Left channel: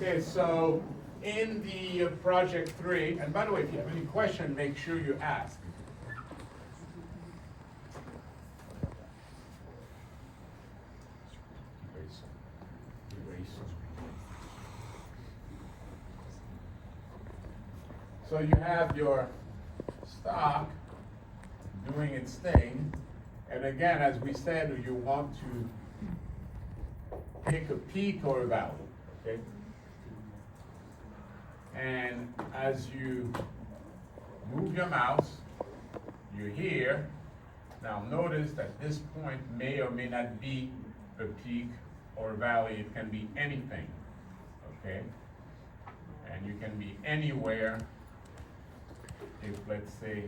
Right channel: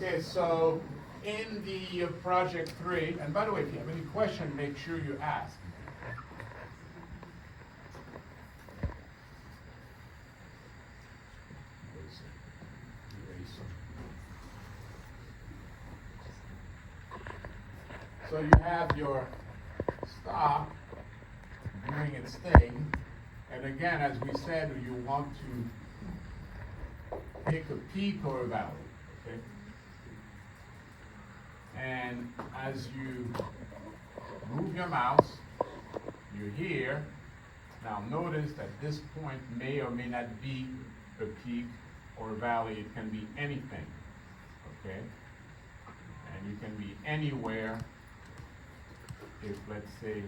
Okay, so in the project 3, and by the way, if you have any question, make sure you ask. So you have your stock doing its thing, and again, as we said, you want to pick a peak or a valley, okay? And as you move your mouse, you're here. Now notice that this point may or may not be a peak or a valley. It can be anything, okay? And you can be anywhere. If, let's say,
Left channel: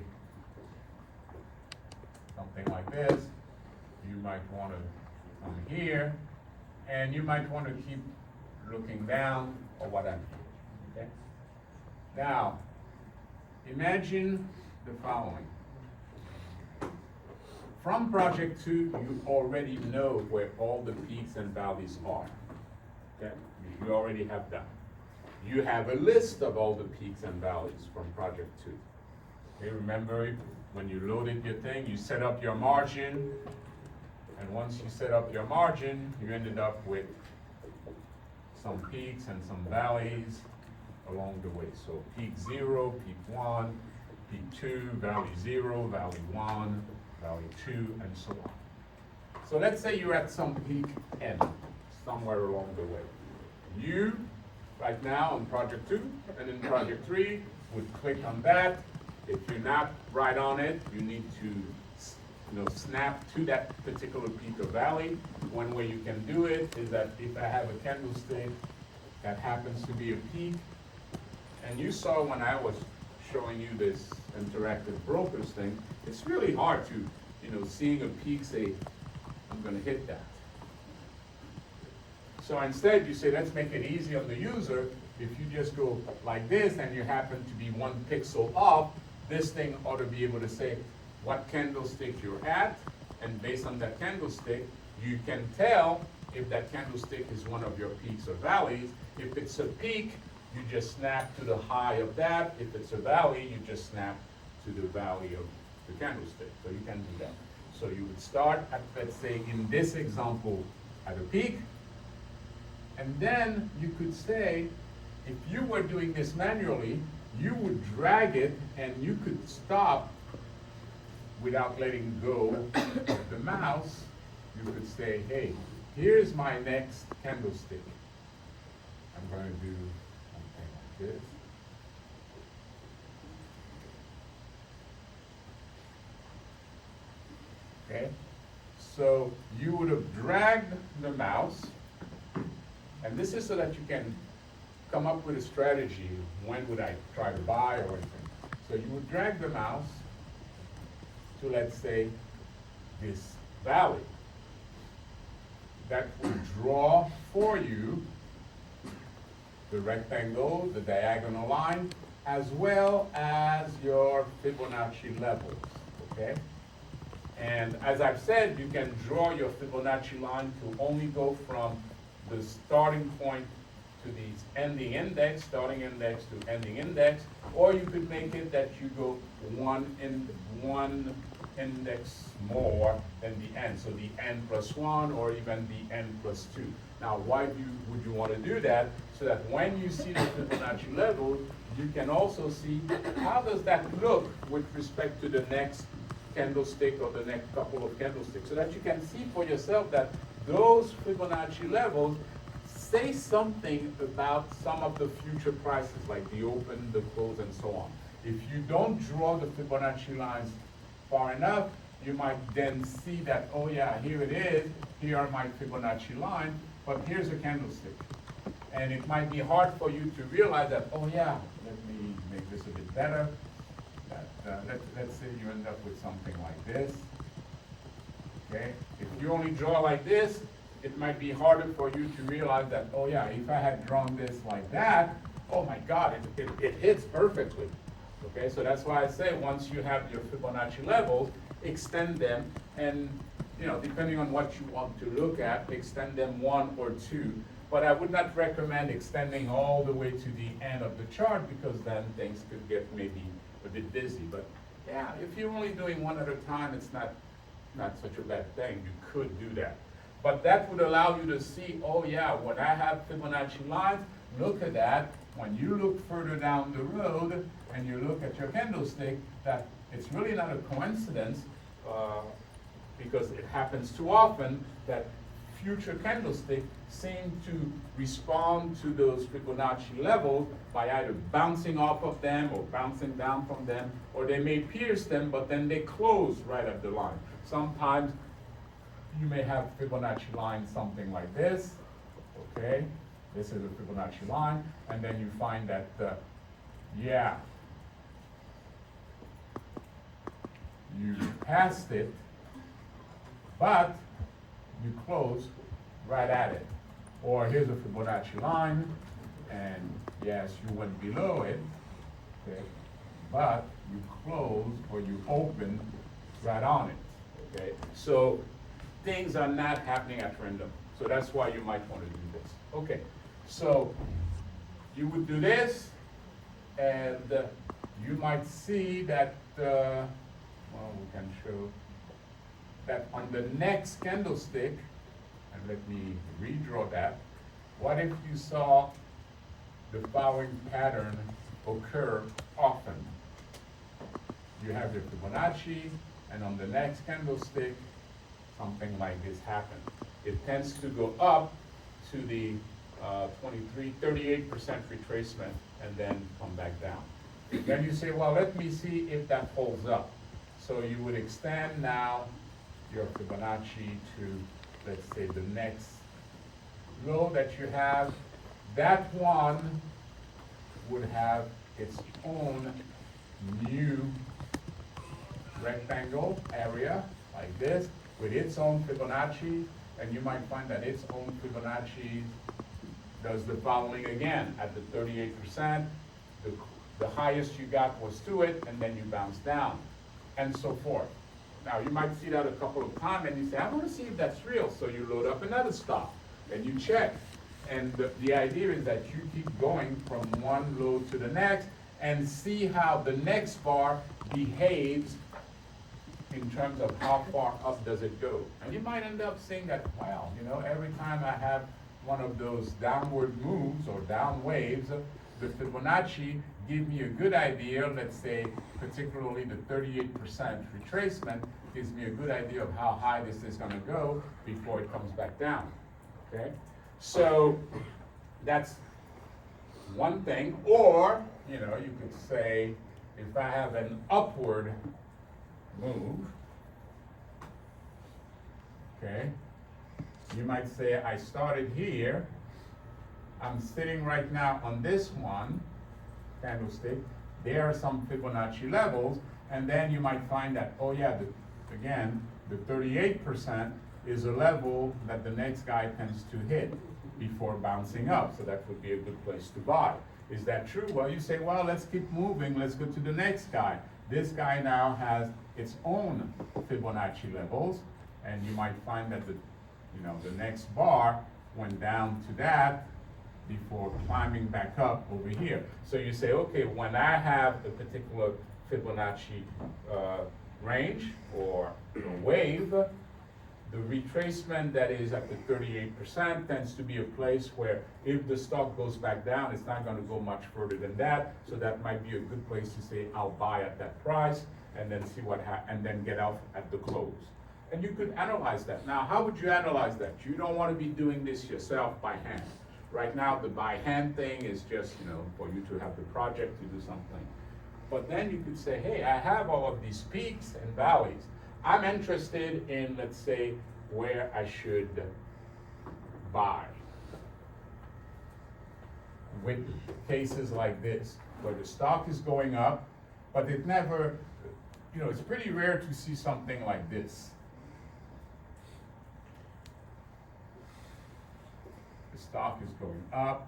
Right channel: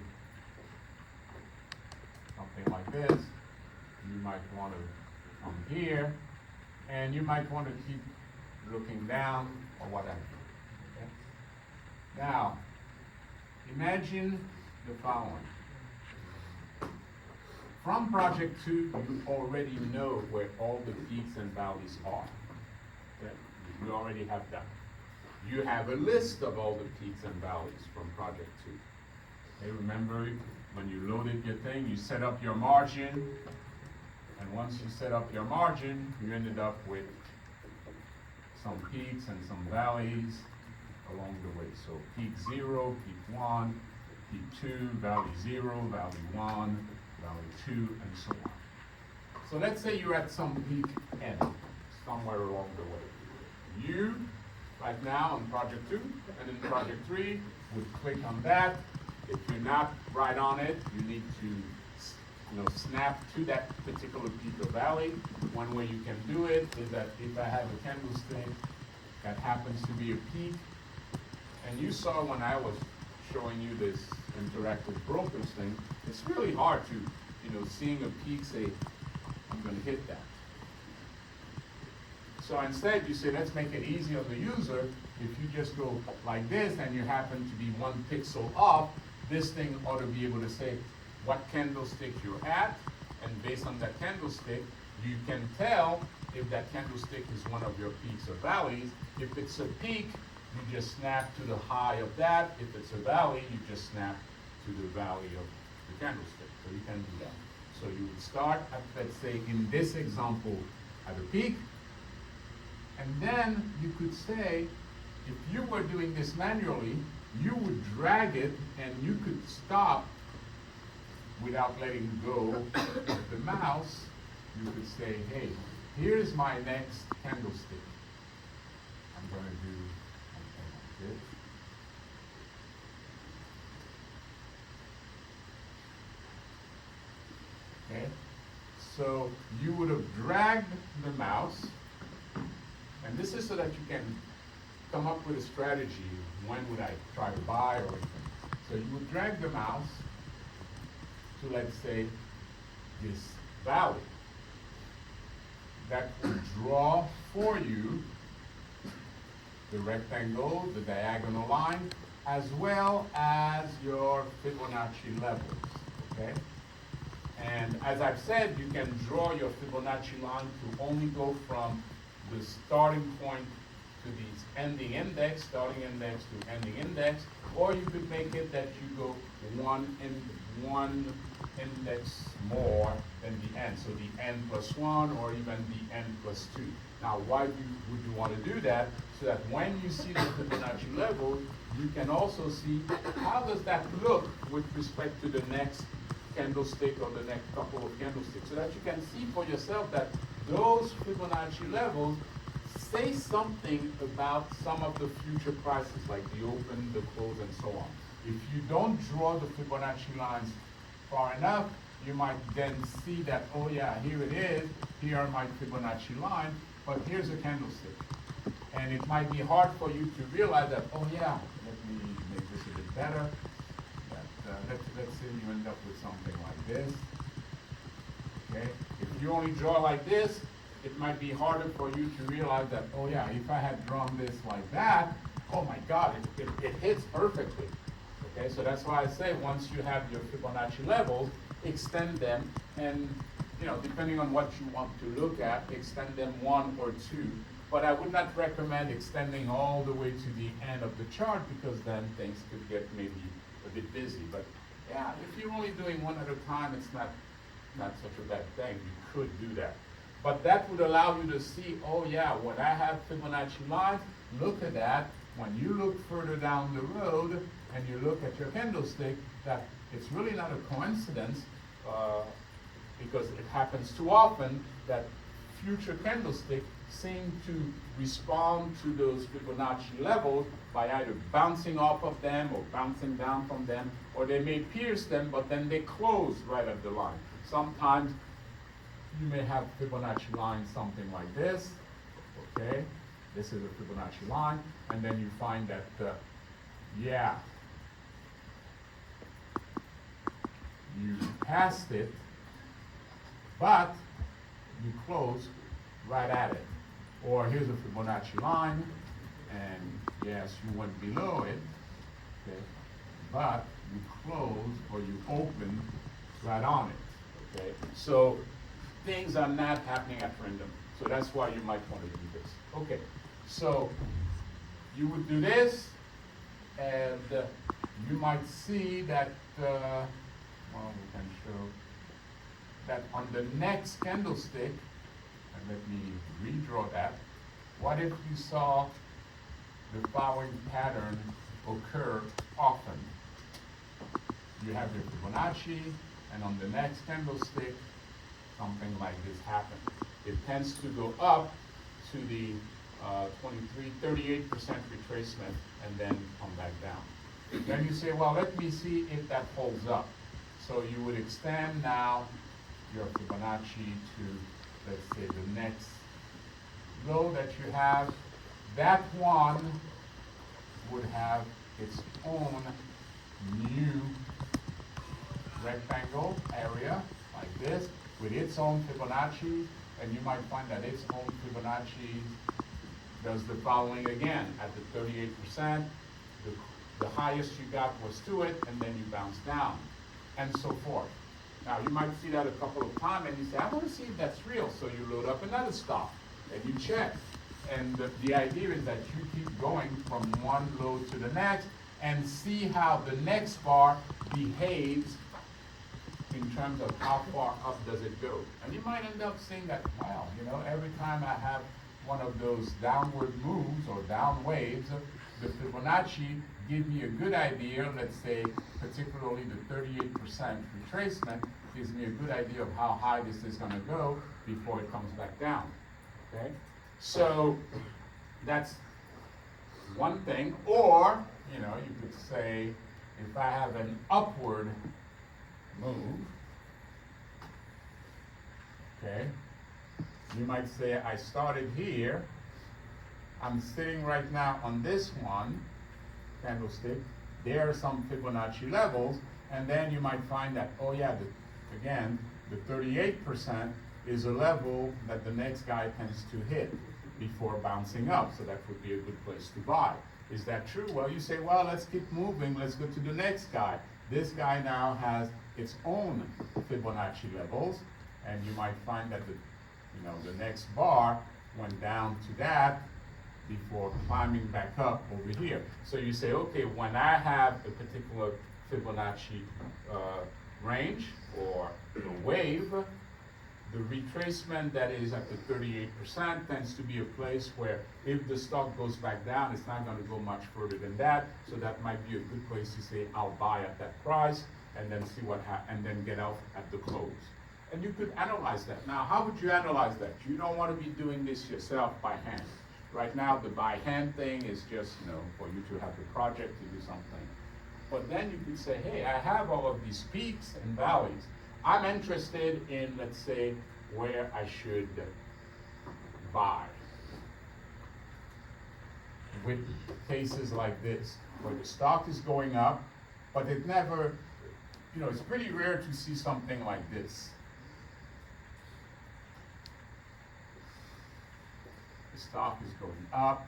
something like this, you might want to come here, and you might want to keep looking down or whatever, okay? Now, imagine the following. From project 2, you already know where all the peaks and valleys are, okay? You already have that. You have a list of all the peaks and valleys from project 2. Okay, remember when you loaded your thing, you set up your margin, and once you set up your margin, you ended up with some peaks and some valleys along the way. So peak 0, peak 1, peak 2, valley 0, valley 1, valley 2, and so on. So let's say you're at some peak n, somewhere along the way. You, right now on project 2 and in project 3, would click on that. If you're not right on it, you need to snap to that particular peak or valley. One way you can do it is that if I have a candlestick that happens to be a peak, and you saw when I was showing you this interactive brokers thing, it's really hard to, seeing a peak, say, I'm going to hit that. So instead, you say, let's make it easy on the user. If you just go like this and you happen to be 1 pixel off, this thing ought to be able to say what candlestick you're at, and based on that candlestick, you can tell if that candlestick is one of your peaks or valleys. If it's a peak, you just snap to the high of that. If it's a valley, you just snap to the valley of the candlestick. So you can do that. So you would start at, let's say, in this example, at a peak, and then you could say, if you were doing this manually, you would drag it and you could stop without letting go of the mouse. You could say, hey, here's my next candlestick. I'm going to do something like this. Okay, so you would have dragged the mouse, and this is so that you can come up with a strategy. When would I try to buy or anything? So you would drag the mouse to, let's say, this valley. That would draw for you the rectangle, the diagonal line, as well as your Fibonacci levels, okay? And as I've said, you can draw your Fibonacci line to only go from the starting point to the ending index, starting index to ending index, or you could make it that you go one index more than the n, so the n plus 1 or even the n plus 2. Now, why would you want to do that? So that when you see the Fibonacci level, you can also see how does that look with respect to the next candlestick or the next couple of candlesticks, so that you can see for yourself that those Fibonacci levels say something about some of the future prices, like the open, the close, and so on. If you don't draw the Fibonacci lines far enough, you might then see that, oh yeah, here it is, here are my Fibonacci lines, but here's a candlestick. And it might be hard for you to realize that, oh yeah, let me make this a bit better. Let's say you end up with something like this, okay? If you only draw like this, it might be harder for you to realize that, oh yeah, if I had drawn this like that, oh my God, it hits perfectly. Okay, so that's why I say once you have your Fibonacci levels, extend them, and depending on what you want to look at, extend them 1 or 2 but I would not recommend extending all the way to the end of the chart because then things could get maybe a bit busy. But yeah, if you're only doing one at a time, it's not such a bad thing. You could do that. But that would allow you to see, oh yeah, when I have Fibonacci lines, look at that. When you look further down the road and you look at your candlestick, that it's really not a coincidence because it happens too often that future candlesticks seem to respond to those Fibonacci levels by either bouncing off of them or bouncing down from them, or they may pierce them, but then they close right at the line. Sometimes you may have Fibonacci line something like this, okay? This is a Fibonacci line, and then you find that, yeah, you passed it, but you close right at it. Or here's a Fibonacci line, and yes, you went below it, okay, but you close or you open right on it, okay? So things are not happening at random. So that's why you might want to do this. Okay, so you would do this, and you might see that, well, we can show that on the next candlestick, and let me redraw that. What if you saw the following pattern occur often? You have the Fibonacci, and on the next candlestick, something like this happens. It tends to go up to the 38% retracement, and then come back down. Then you say, well, let me see if that holds up. So you would extend now your Fibonacci to, let's say, the next low that you have. That one would have its own new rectangle area like this with its own Fibonacci, and you might find that its own Fibonacci does the following again. At the 38%, the highest you got was to it, and then you bounce down, and so forth. Now, you might see that a couple of times, and you say, I want to see if that's real. So you load up another stock, and you check. And the idea is that you keep going from one low to the next, and see how the next bar behaves in terms of how far up does it go. And you might end up seeing that, wow, you know, every time I have one of those downward moves or down waves, the Fibonacci give me a good idea, let's say, particularly the 38% retracement gives me a good idea of how high this is gonna go before it comes back down, okay? So that's one thing, or, you know, you could say, if I have an upward move, okay, you might say I started here, I'm sitting right now on this one candlestick, there are some Fibonacci levels, and then you might find that, oh yeah, again, the 38% is a level that the next guy tends to hit before bouncing up, so that would be a good place to buy. Is that true? Well, you say, well, let's keep moving, let's go to the next guy. This guy now has its own Fibonacci levels, and you might find that the next bar went down to that before climbing back up over here. So you say, okay, when I have a particular Fibonacci range or a wave, the retracement that is at the 38% tends to be a place where if the stock goes back down, it's not going to go much further than that. So that might be a good place to say, I'll buy at that price, and then see what and then get out at the close. And you could analyze that. Now, how would you analyze that? You don't want to be doing this yourself by hand. Right now, the by hand thing is just, for you to have the project to do something. But then you could say, hey, I have all of these peaks and valleys. I'm interested in, let's say, where I should buy. With cases like this, where the stock is going up, but it never, it's pretty rare to see something like this. The stock is going up,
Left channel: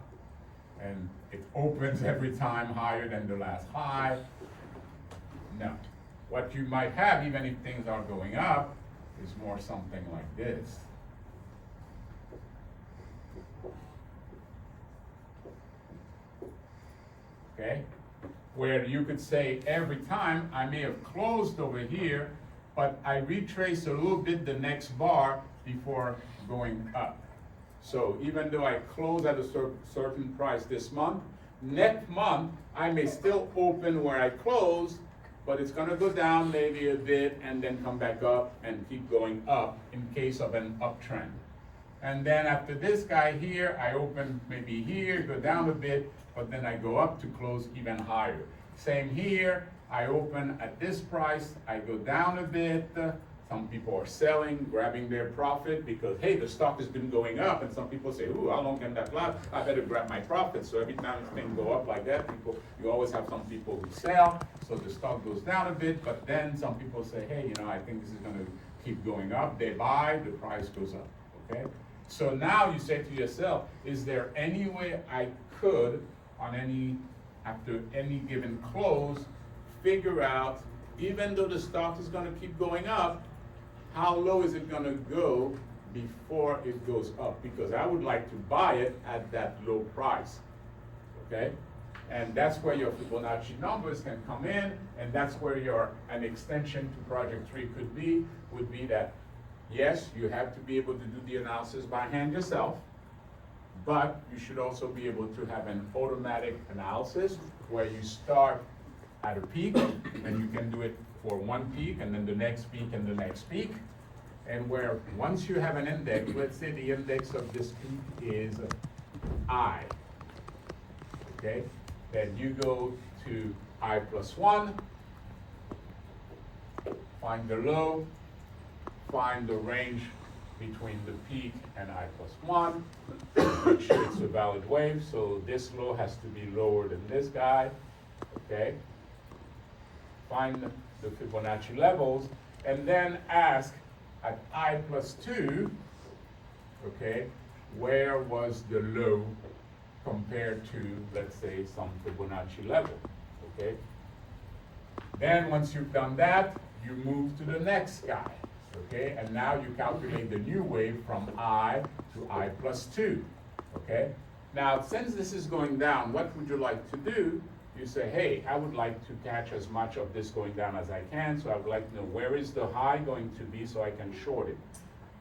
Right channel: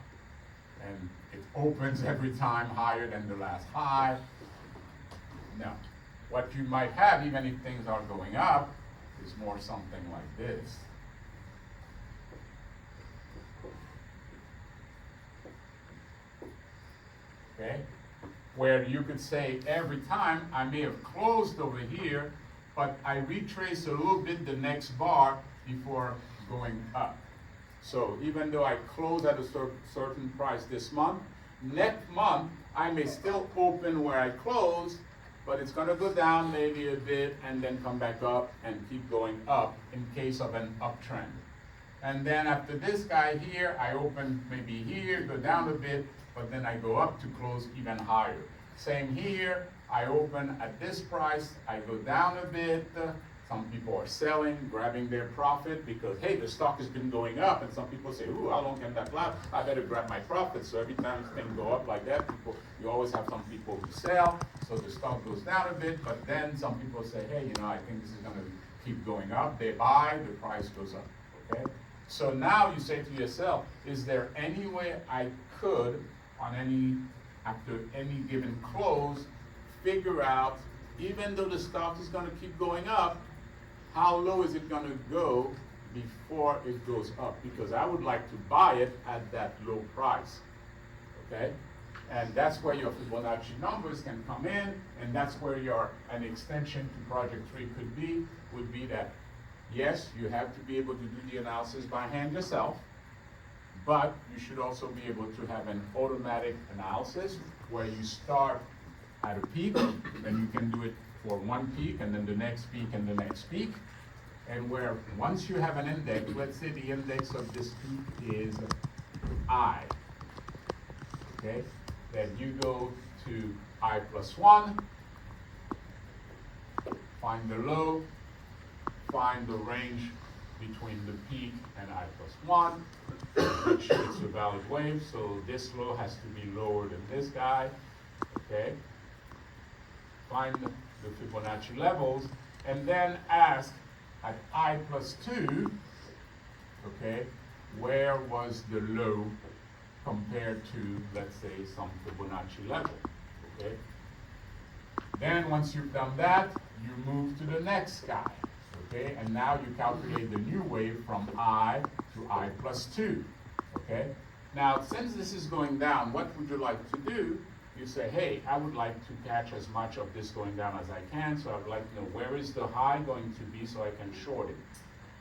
and it opens every time higher than the last high. No. What you might have, even if things are going up, is more something like this. okay? Where you could say every time I may have closed over here, but I retrace a little bit the next bar before going up. So even though I close at a certain price this month, next month I may still open where I closed, but it's gonna go down maybe a bit and then come back up and keep going up in case of an uptrend. And then after this guy here, I open maybe here, go down a bit, but then I go up to close even higher. Same here, I open at this price, I go down a bit. Some people are selling, grabbing their profit because, hey, the stock has been going up. And some people say, ooh, how long can that last? I better grab my profit. So every time things go up like that, you always have some people who sell. So the stock goes down a bit, but then some people say, hey, I think this is gonna keep going up. They buy, the price goes up, okay? So now you say to yourself, is there any way I could, after any given close, figure out, even though the stock is gonna keep going up, how low is it gonna go before it goes up? Because I would like to buy it at that low price, okay? And that's where your Fibonacci numbers can come in, and that's where an extension to Project 3 would be that, yes, you have to be able to do the analysis by hand yourself, but you should also be able to have an automatic analysis where you start at a peak, and you can do it for one peak, and then the next peak, and the next peak. And where once you have an index, let's say the index of this peak is I, okay? Then you go to I plus 1, find the low, find the range between the peak and I plus 1, make sure it's a valid wave, so this low has to be lower than this guy, okay? Find the Fibonacci levels, and then ask at I plus 2, okay, where was the low compared to, let's say, some Fibonacci level, okay? Then once you've done that, you move to the next guy, okay? And now you calculate the new wave from I to I plus 2, okay? Now, since this is going down, what would you like to do? You say, hey, I would like to catch as much of this going down as I can, so I would like to know where is the high going to be so I can short it.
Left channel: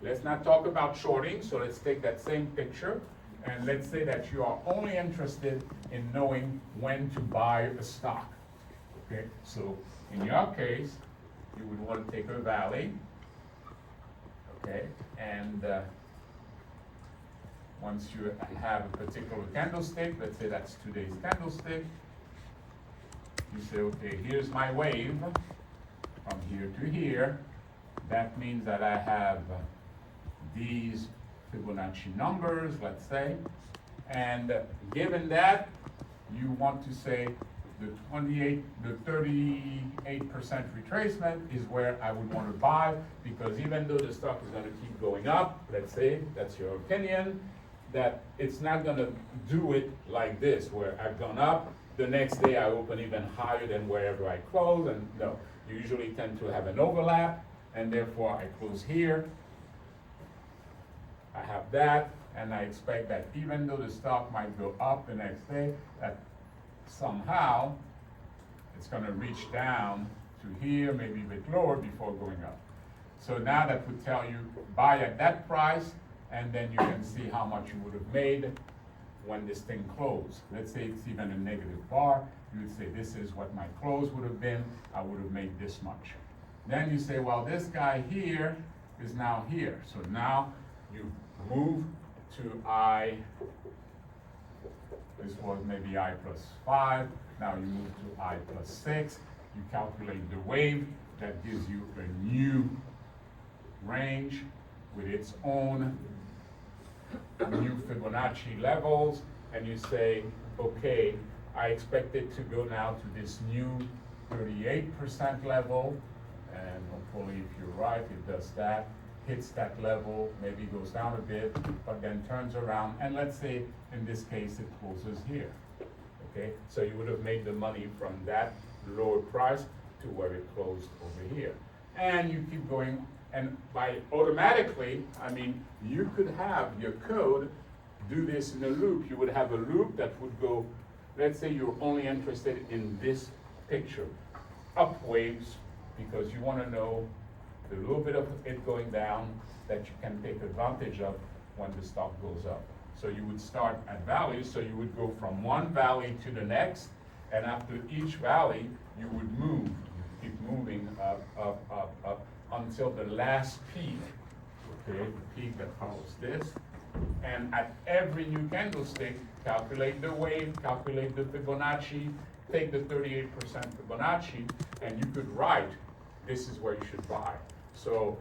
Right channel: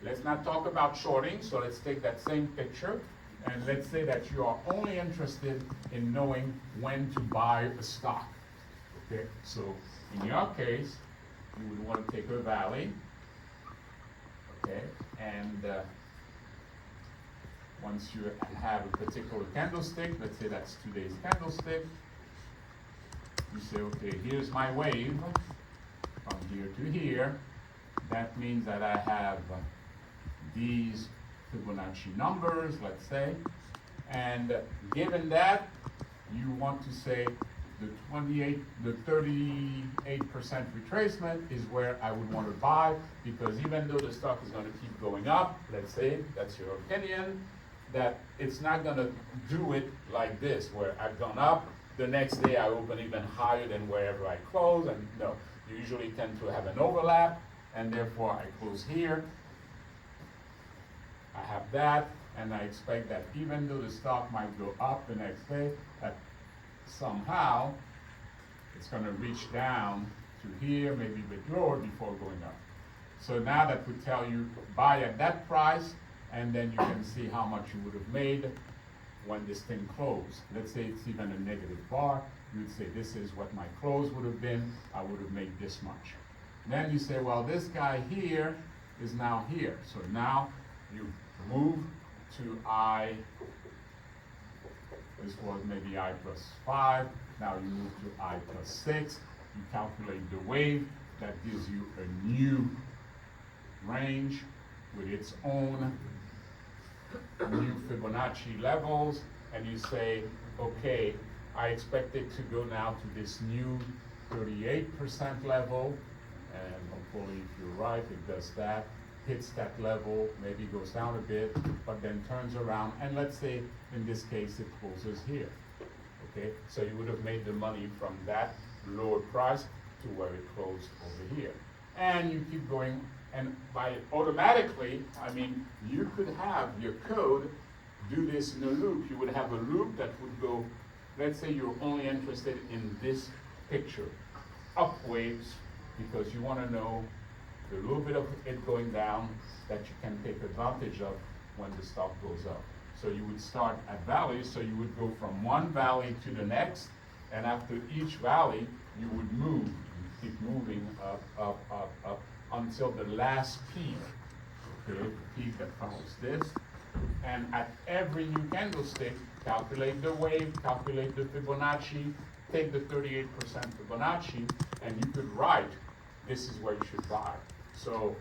Let's not talk about shorting, so let's take that same picture, and let's say that you are only interested in knowing when to buy a stock, okay? So in your case, you would want to take a valley, okay? And once you have a particular candlestick, let's say that's today's candlestick, you say, okay, here's my wave from here to here. That means that I have these Fibonacci numbers, let's say, and given that, you want to say the 38% retracement is where I would want to buy, because even though the stock is going to keep going up, let's say, that's your opinion, that it's not going to do it like this, where I've gone up, the next day I open even higher than wherever I close, and no, you usually tend to have an overlap, and therefore I close here, I have that, and I expect that even though the stock might go up the next day, that somehow it's going to reach down to here, maybe a bit lower before going up. So now that would tell you buy at that price, and then you can see how much you would have made when this thing closed. Let's say it's even a negative bar, you would say this is what my close would have been, I would have made this much. Then you say, well, this guy here is now here. So now you move to I, this was maybe I plus 5, now you move to I plus 6, you calculate the wave, that gives you a new range with its own new Fibonacci levels, and you say, okay, I expect it to go now to this new 38% level, and hopefully if you're right, it does that, hits that level, maybe goes down a bit, but then turns around, and let's say in this case it closes here, okay? So you would have made the money from that lower price to where it closed over here. And you keep going, and by automatically, I mean, you could have your code do this in a loop. You would have a loop that would go, let's say you're only interested in this picture, up waves, because you want to know the little bit of it going down that you can take advantage of when the stock goes up. So you would start at valleys, so you would go from one valley to the next, and after each valley, you would move, keep moving up until the last peak, okay, the peak that follows this. And at every new candlestick, calculate the wave, calculate the Fibonacci, take the 38% Fibonacci, and you could write, this is where you should buy. So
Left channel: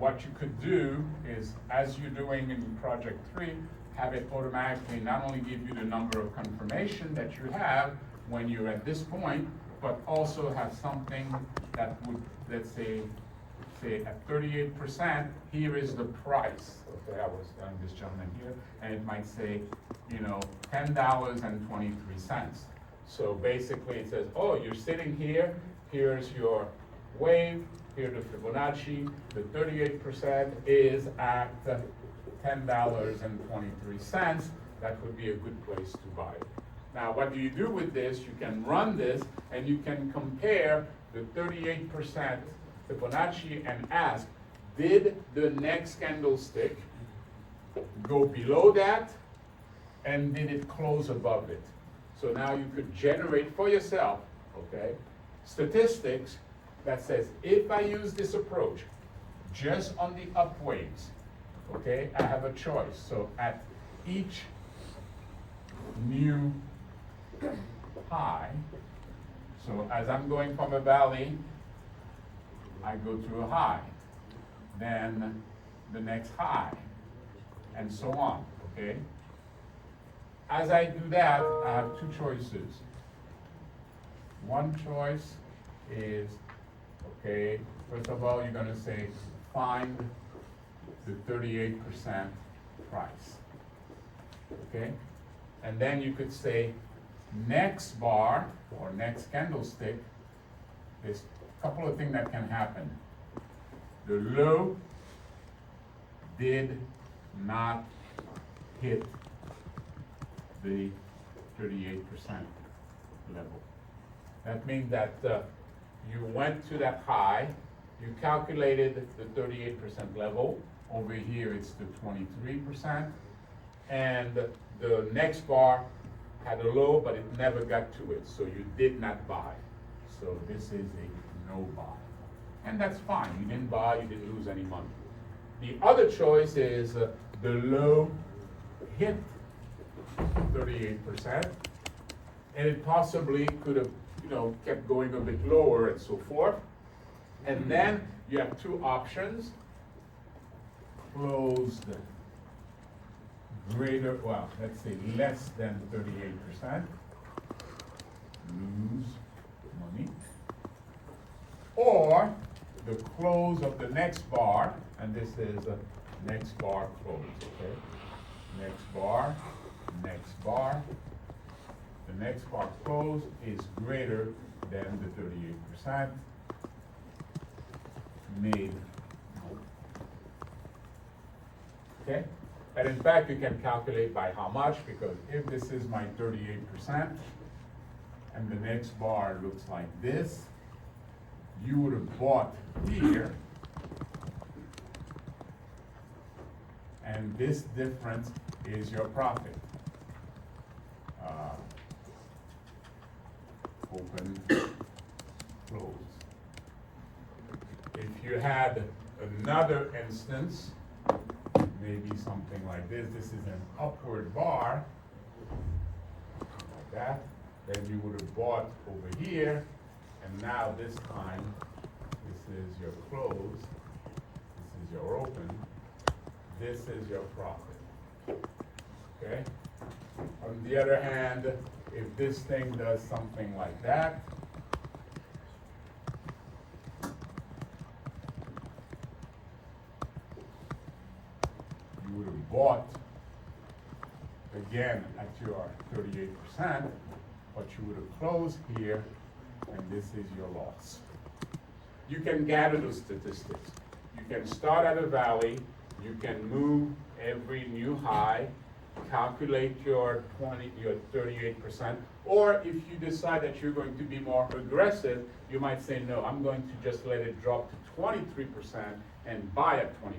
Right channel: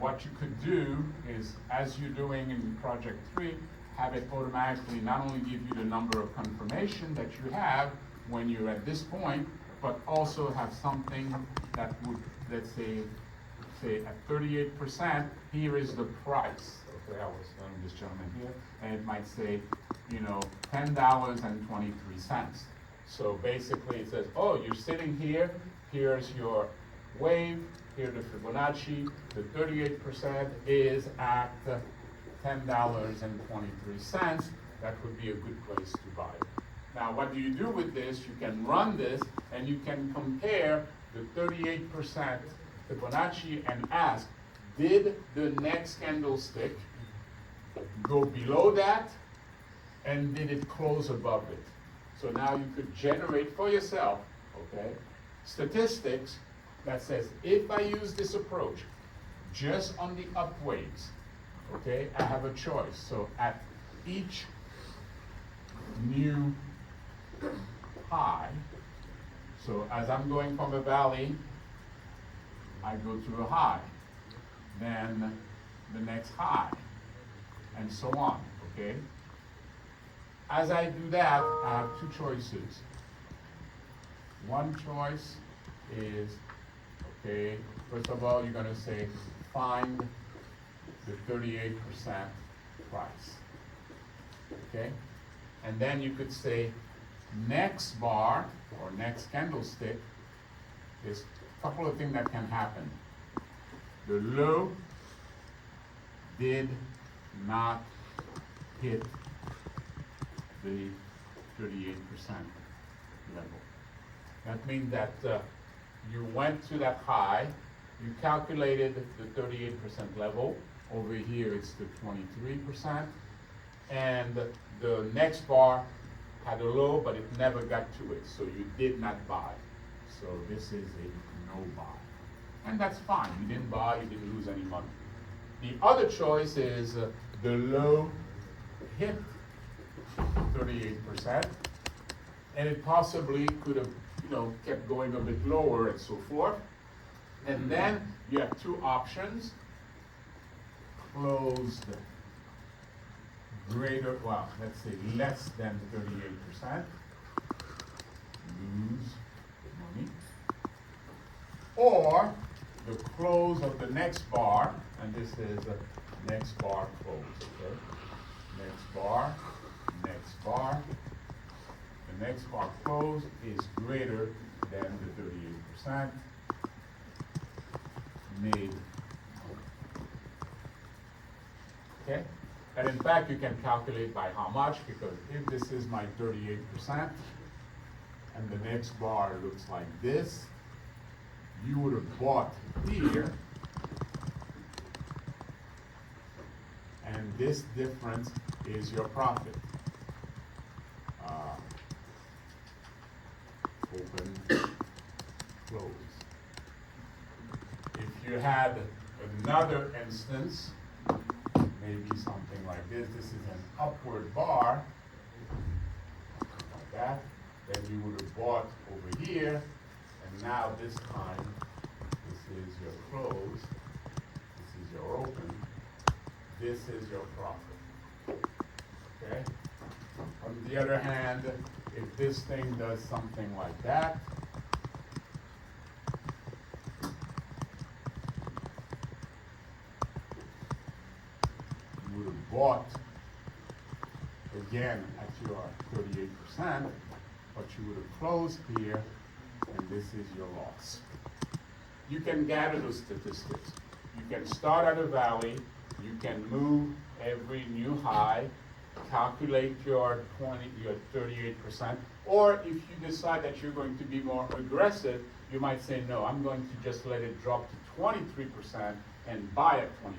what you could do is, as you're doing in project 3, have it automatically not only give you the number of confirmation that you have when you're at this point, but also have something that would, let's say at 38%, here is the price. Okay, I was telling this gentleman here, and it might say, $10.23. So basically it says, oh, you're sitting here, here's your wave, here's the Fibonacci, the 38% is at $10.23. That would be a good place to buy it. Now, what do you do with this? You can run this, and you can compare the 38% Fibonacci and ask, did the next candlestick go below that, and did it close above it? So now you could generate for yourself, okay, statistics that says, if I use this approach just on the up waves, okay, I have a choice. So at each new high, so as I'm going from a valley, I go to a high, then the next high, and so on, okay? As I do that, I have two choices. One choice is, okay, first of all, you're gonna say, find the 38% price, okay? And then you could say, next bar, or next candlestick, there's a couple of things that can happen. The low did not hit the 38% level. That means that you went to that high, you calculated the 38% level, over here it's the 23%, and the next bar had a low, but it never got to it, so you did not buy. So this is a no buy. And that's fine, you didn't buy, you didn't lose any money. The other choice is the low hit 38%, and it possibly could have, kept going a bit lower and so forth. And then you have two options: closed greater, well, let's say less than 38%, lose money, or the close of the next bar, and this is the next bar close, okay? Next bar, the next bar close is greater than the 38%, made, okay? And in fact, you can calculate by how much, because if this is my 38%, and the next bar looks like this, you would have bought here, and this difference is your profit. Open, close. If you had another instance, maybe something like this, this is an upward bar, like that, then you would have bought over here, and now this time, this is your close, this is your open, this is your profit, okay? On the other hand, if this thing does something like that, you would have bought again at your 38%, but you would have closed here, and this is your loss. You can gather those statistics. You can start at a valley, you can move every new high, calculate your 38%, or if you decide that you're going to be more aggressive, you might say, no, I'm going to just let it drop to 23% and buy at 23%,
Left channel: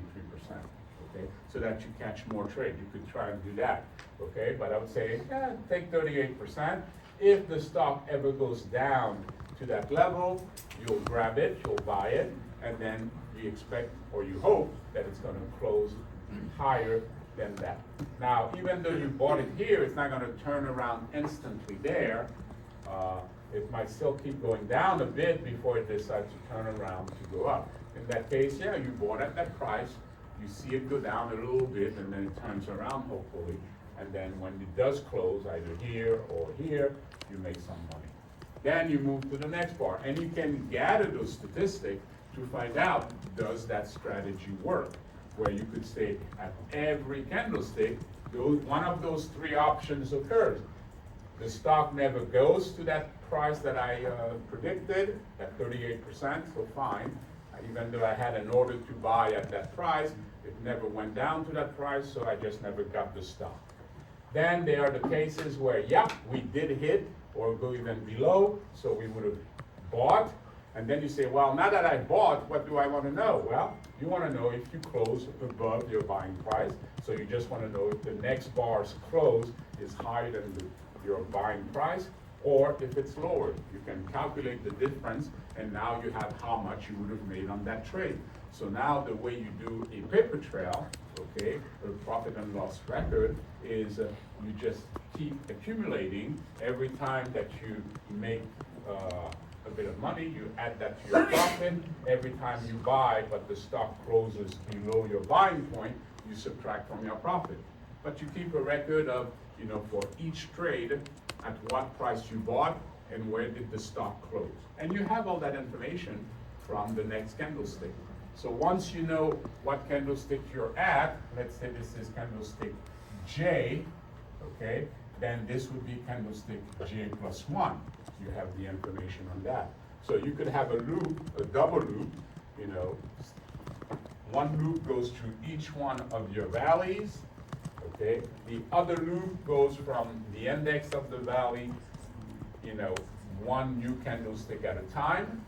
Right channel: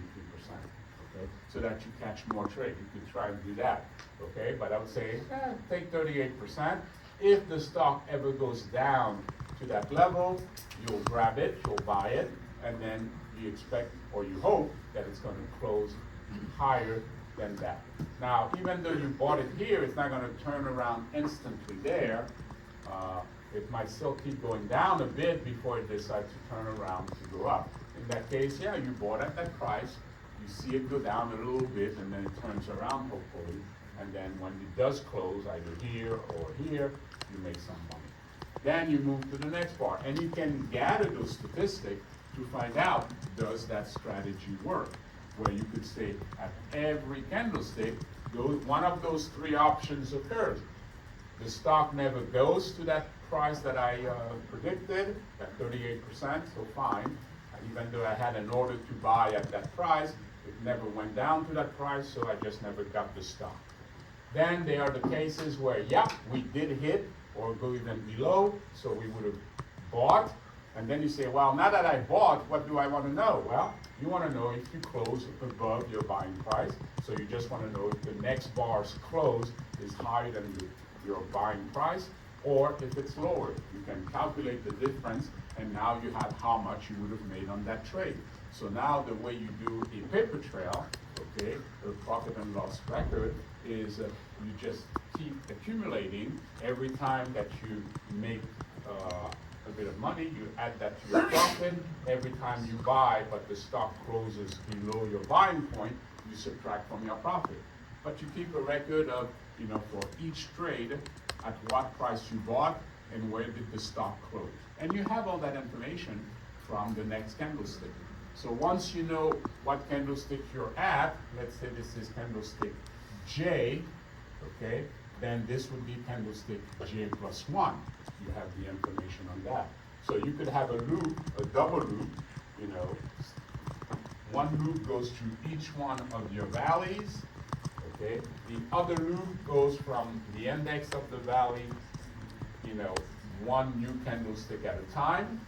okay, so that you catch more trade. You could try and do that, okay, but I would say, yeah, take 38%. If the stock ever goes down to that level, you'll grab it, you'll buy it, and then you expect, or you hope, that it's going to close higher than that. Now, even though you bought it here, it's not going to turn around instantly there. It might still keep going down a bit before it decides to turn around to go up. In that case, yeah, you bought at that price, you see it go down a little bit, and then it turns around, hopefully, and then when it does close, either here or here, you make some money. Then you move to the next bar, and you can gather those statistics to find out, does that strategy work? Where you could say at every candlestick, one of those three options occurs. The stock never goes to that price that I predicted, at 38%, so fine. Even though I had an order to buy at that price, it never went down to that price, so I just never got the stock. Then there are the cases where, yeah, we did hit or go even below, so we would have bought. And then you say, well, now that I bought, what do I want to know? Well, you want to know if you close above your buying price. So you just want to know if the next bar's close is higher than your buying price, or if it's lower. You can calculate the difference, and now you have how much you would have made on that trade. So now the way you do a paper trail, okay, a profit and loss record, is you just keep accumulating. Every time that you make a bit of money, you add that to your profit. Every time you buy, but the stock closes below your buying point, you subtract from your profit. But you keep a record of, for each trade, at what price you bought and where did the stock close. And you have all that information from the next candlestick. So once you know what candlestick you're at, let's say this is candlestick J, okay, then this would be candlestick J plus 1. You have the information on that. So you could have a loop, a double loop, one loop goes through each one of your valleys, okay? The other loop goes from the index of the valley, one new candlestick at a time.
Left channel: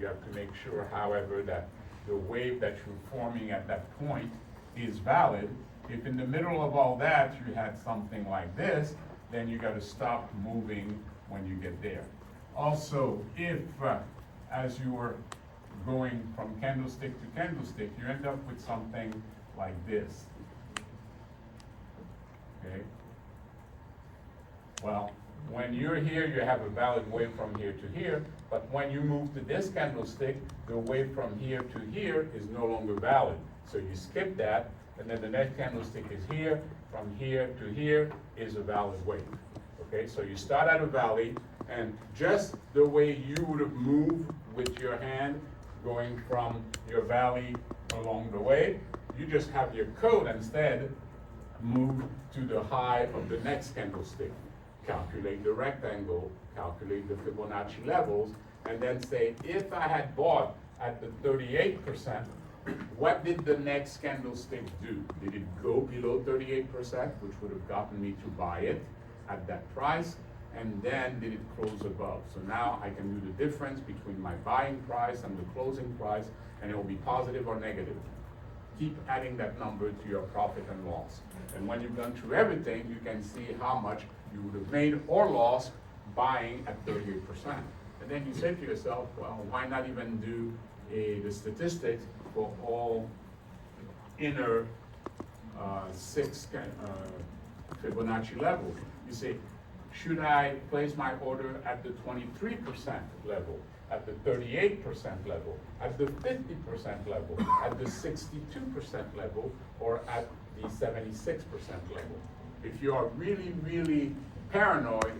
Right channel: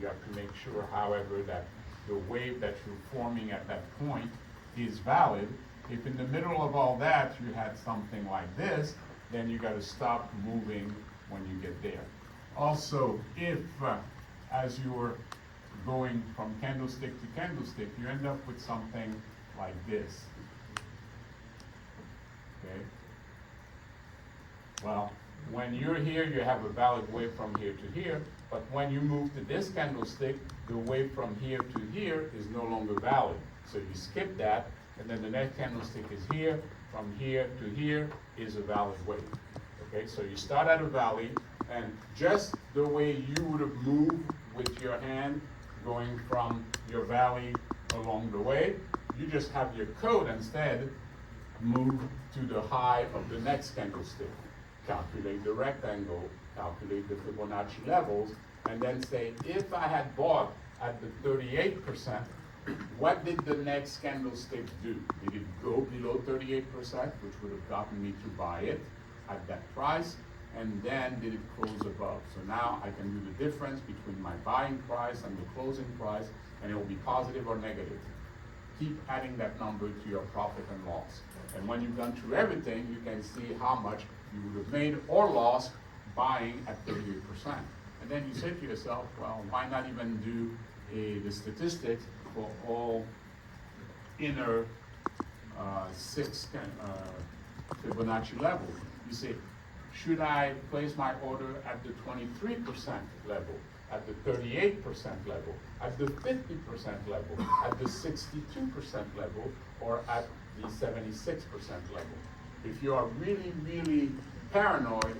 You have to make sure, however, that the wave that you're forming at that point is valid. If in the middle of all that you had something like this, then you got to stop moving when you get there. Also, if as you were going from candlestick to candlestick, you end up with something like this. Okay? Well, when you're here, you have a valid wave from here to here, but when you move to this candlestick, the wave from here to here is no longer valid. So you skip that, and then the next candlestick is here, from here to here is a valid wave. Okay, so you start at a valley, and just the way you would have moved with your hand going from your valley along the way, you just have your code instead move to the high of the next candlestick. Calculate the rectangle, calculate the Fibonacci levels, and then say, if I had bought at the 38%, what did the next candlestick do? Did it go below 38%, which would have gotten me to buy it at that price? And then did it close above? So now I can do the difference between my buying price and the closing price, and it will be positive or negative. Keep adding that number to your profit and loss. And when you've gone through everything, you can see how much you would have made or lost buying at 38%. And then you say to yourself, well, why not even do the statistics for all inner 6 Fibonacci levels? You say, should I place my order at the 23% level, at the 38% level, at the 50% level, at the 62% level, or at the 76% level? If you are really, really paranoid,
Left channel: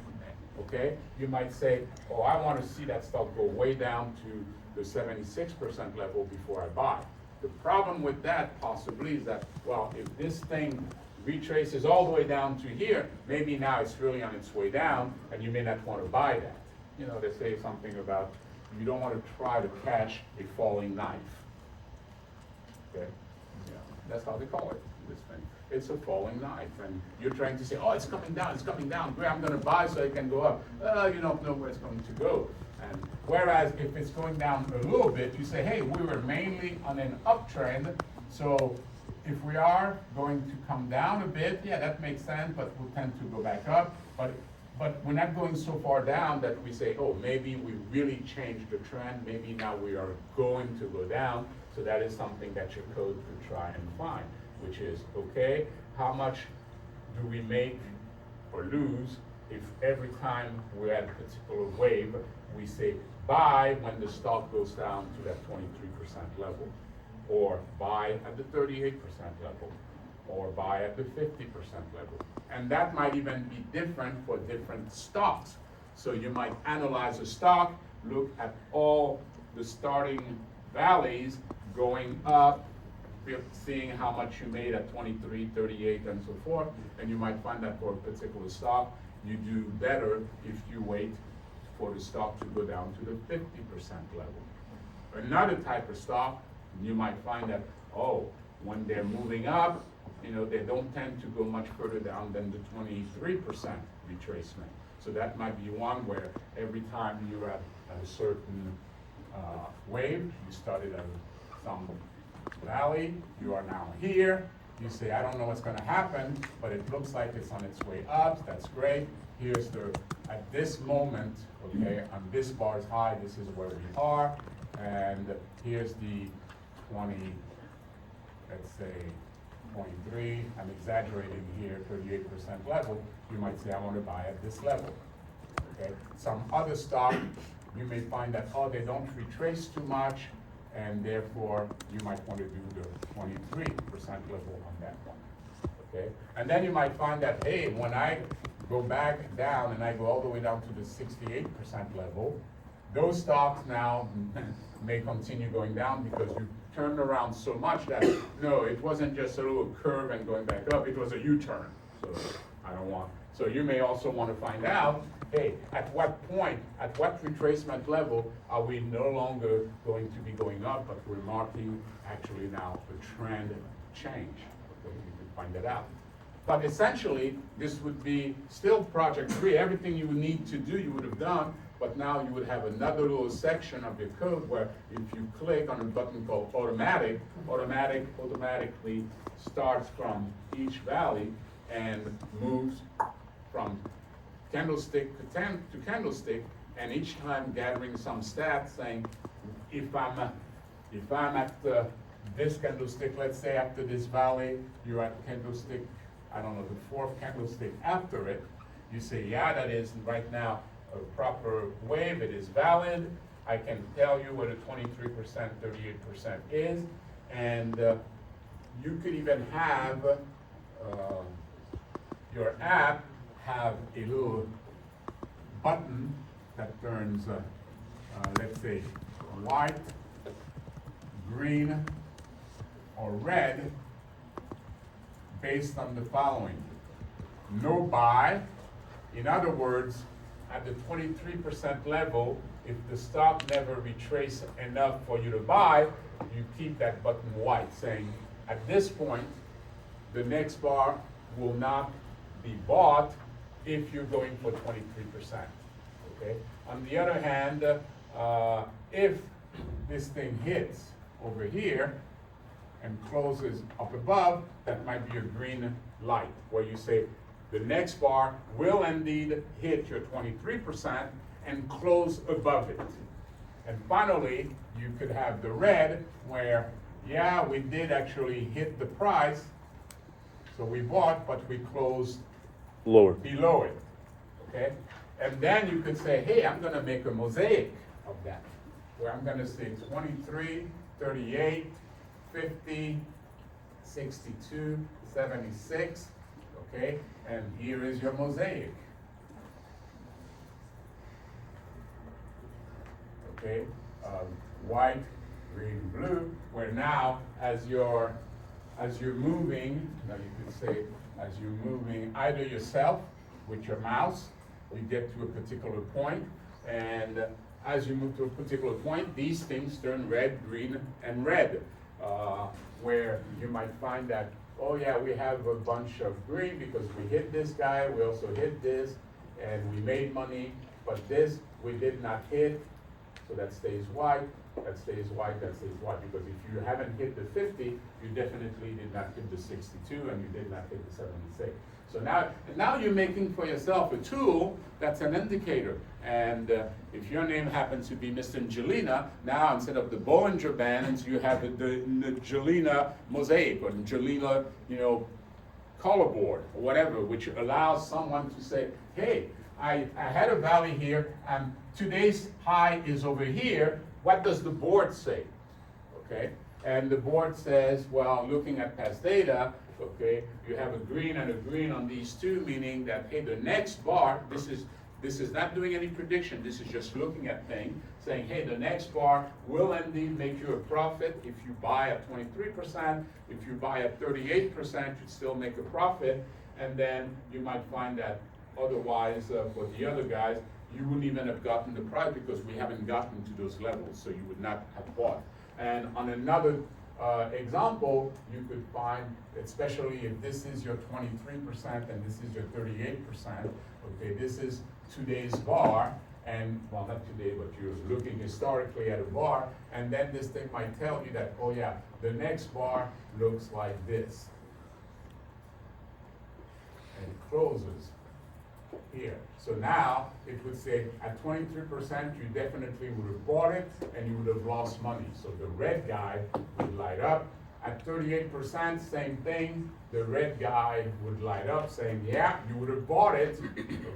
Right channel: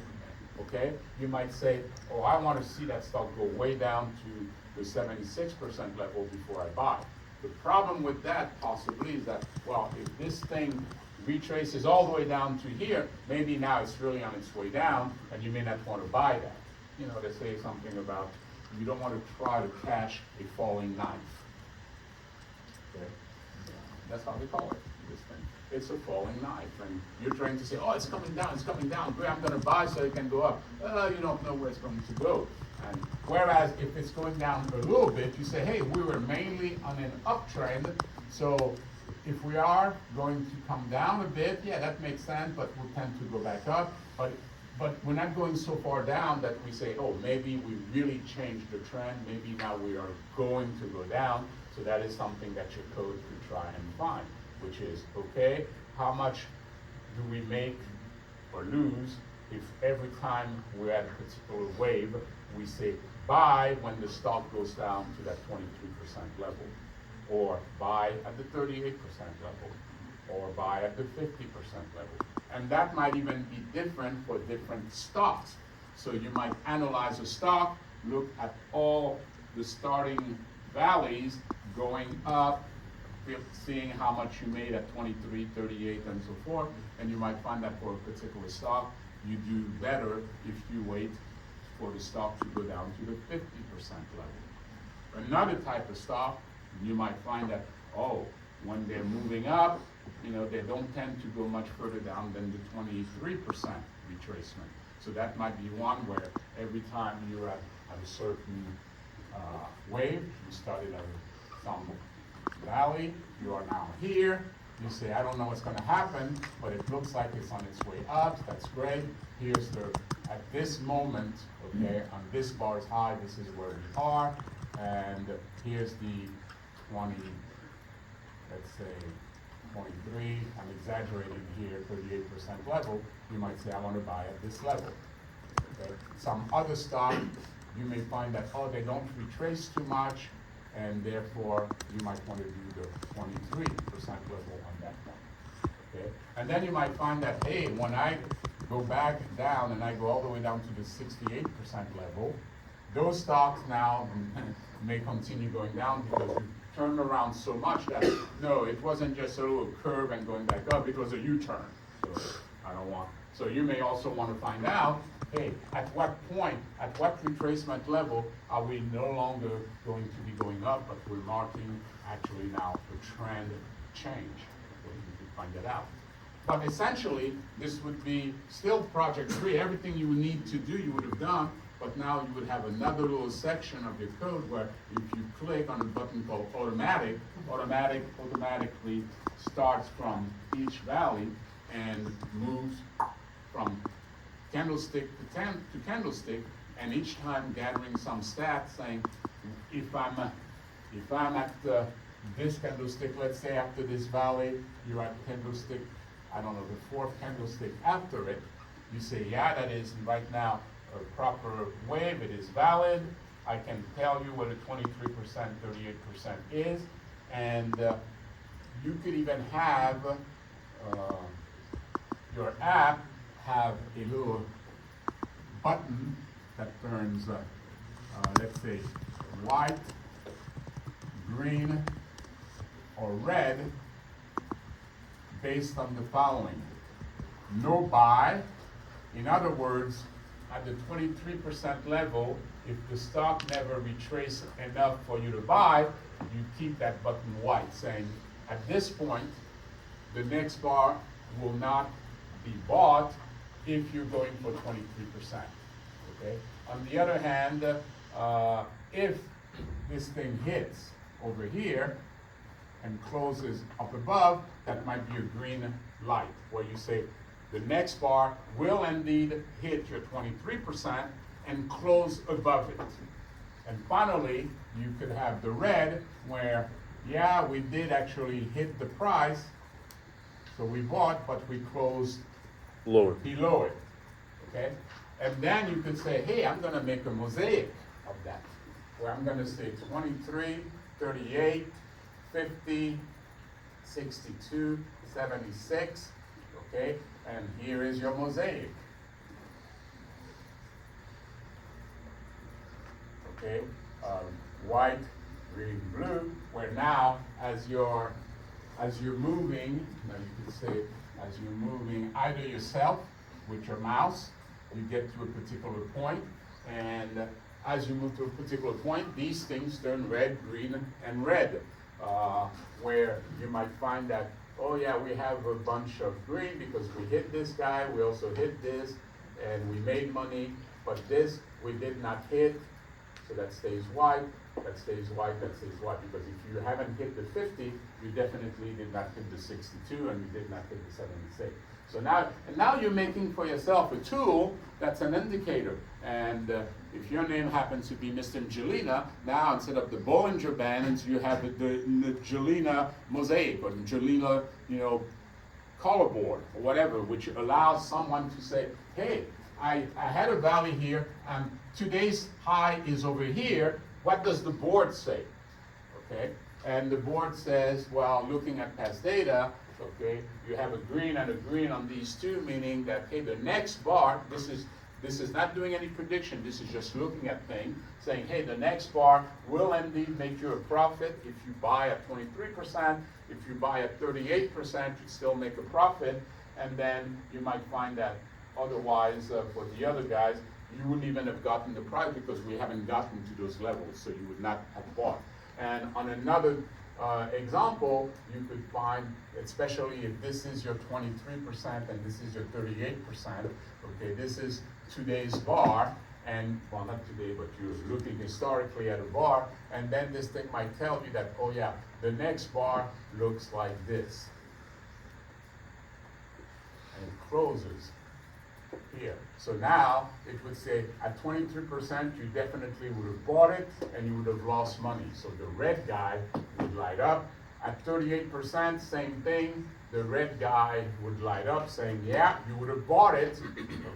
okay, you might say, oh, I want to see that stock go way down to the 76% level before I buy. The problem with that possibly is that, well, if this thing retraces all the way down to here, maybe now it's really on its way down, and you may not want to buy that. They say something about you don't want to try to catch a falling knife. Okay? Yeah. That's how they call it, this thing. It's a falling knife, and you're trying to say, oh, it's coming down, great, I'm gonna buy so it can go up. You don't know where it's going to go. And whereas if it's going down a little bit, you say, hey, we were mainly on an uptrend, so if we are going to come down a bit, yeah, that makes sense, but we'll tend to go back up. But we're not going so far down that we say, oh, maybe we really changed the trend, maybe now we are going to go down. So that is something that your code could try and find, which is, okay, how much do we make or lose if every time we're at a particular wave, we say buy when the stock goes down to that 23% level, or buy at the 38% level, or buy at the 50% level. And that might even be different for different stocks. So you might analyze a stock, look at all the starting valleys going up, seeing how much you made at 23, 38, and so forth, and you might find that for a particular stock, you do better if you wait for the stock to go down to the 50% level. Another type of stock, you might find that, oh, when they're moving up, they don't tend to go much further down than the 23% retracement. So that might be one where every time you're at a certain wave, you started at some valley, you are now here, you say, I don't know what's gonna happen, but it looks like it's on its way up, that's great. Here's at this moment, okay, on this bar's high, this is where we are, and here's the 20, let's say, 23, I'm exaggerating here, 38% level, you might say, I want to buy at this level. Okay? Some other stock, you may find that, oh, they don't retrace too much, and therefore you might want to do the 23% level on that one. Okay? And then you might find that, hey, when I go back down and I go all the way down to the 68% level, those stocks now may continue going down because you turned around so much that, no, it wasn't just a little curve and going back up, it was a U-turn. So I don't want. So you may also want to find out, hey, at what point, at what retracement level are we no longer going to be going up, but we're marking actually now a trend change. Okay, you can find that out. But essentially, this would be still project 3. Everything you would need to do, you would have done, but now you would have another little section of your code where if you click on a button called automatically starts from each valley and moves from candlestick to candlestick, and each time gathering some stats saying, if I'm at this candlestick, let's say after this valley, you're at candlestick, I don't know, the 4th candlestick after it, you say, yeah, that is right now a proper wave, it is valid, I can tell you what a 23%, 38% is, and you could even have your app have a little button that turns, let's say, white, green, or red based on the following. No buy. In other words, at the 23% level, if the stock never retraces enough for you to buy, you keep that button white, saying, at this point, the next bar will not be bought if you're going for 23%. Okay? On the other hand, if this thing hits over here and closes up above, that might be a green light, where you say the next bar will indeed hit your 23% and close above it. And finally, you could have the red, where, yeah, we did actually hit the price, so we bought, but we closed lower below it. Okay? And then you could say, hey, I'm gonna make a mosaic of that, where I'm gonna say 23, 38, 50, 62, 76, okay? And here is your mosaic. Okay, white, green, blue, where now as you're moving, now you could say, as you're moving either yourself with your mouse, you get to a particular point, and as you move to a particular point, these things turn red, green, and red. where you might find that, oh yeah, we have a bunch of green because we hit this guy, we also hit this, and we made money, but this we did not hit, so that stays white, that stays white, that stays white, because if you haven't hit the 50, you definitely did not hit the 62, and you did not hit the 76. So now you're making for yourself a tool that's an indicator. And if your name happens to be Mr. Angelina, now instead of the Bollinger Bands, you have the Angelina Mosaic or Angelina, color board or whatever, which allows someone to say, hey, I had a valley here, and today's high is over here. What does the board say? Okay, and the board says, well, looking at past data, okay, you have a green and a green on these two, meaning that, hey, the next bar, this is not doing any prediction, this is just looking at things, saying, hey, the next bar will indeed make you a profit if you buy at 23%, if you buy at 38%, you still make a profit, and then you might find that otherwise, for the other guys, you wouldn't even have gotten the price because we haven't gotten to those levels, so you would not have bought. And on another example, you could find, especially if this is your 23% and this is your 38%, okay, this is today's bar, and, well, not today, but you're looking historically at a bar, and then this thing might tell you that, oh yeah, the next bar looks like this. And it closes here. So now it would say at 23%, you definitely would have bought it and you would have lost money. So the red guy would light up. At 38%, same thing. The red guy would light up saying, yeah, you would have bought it.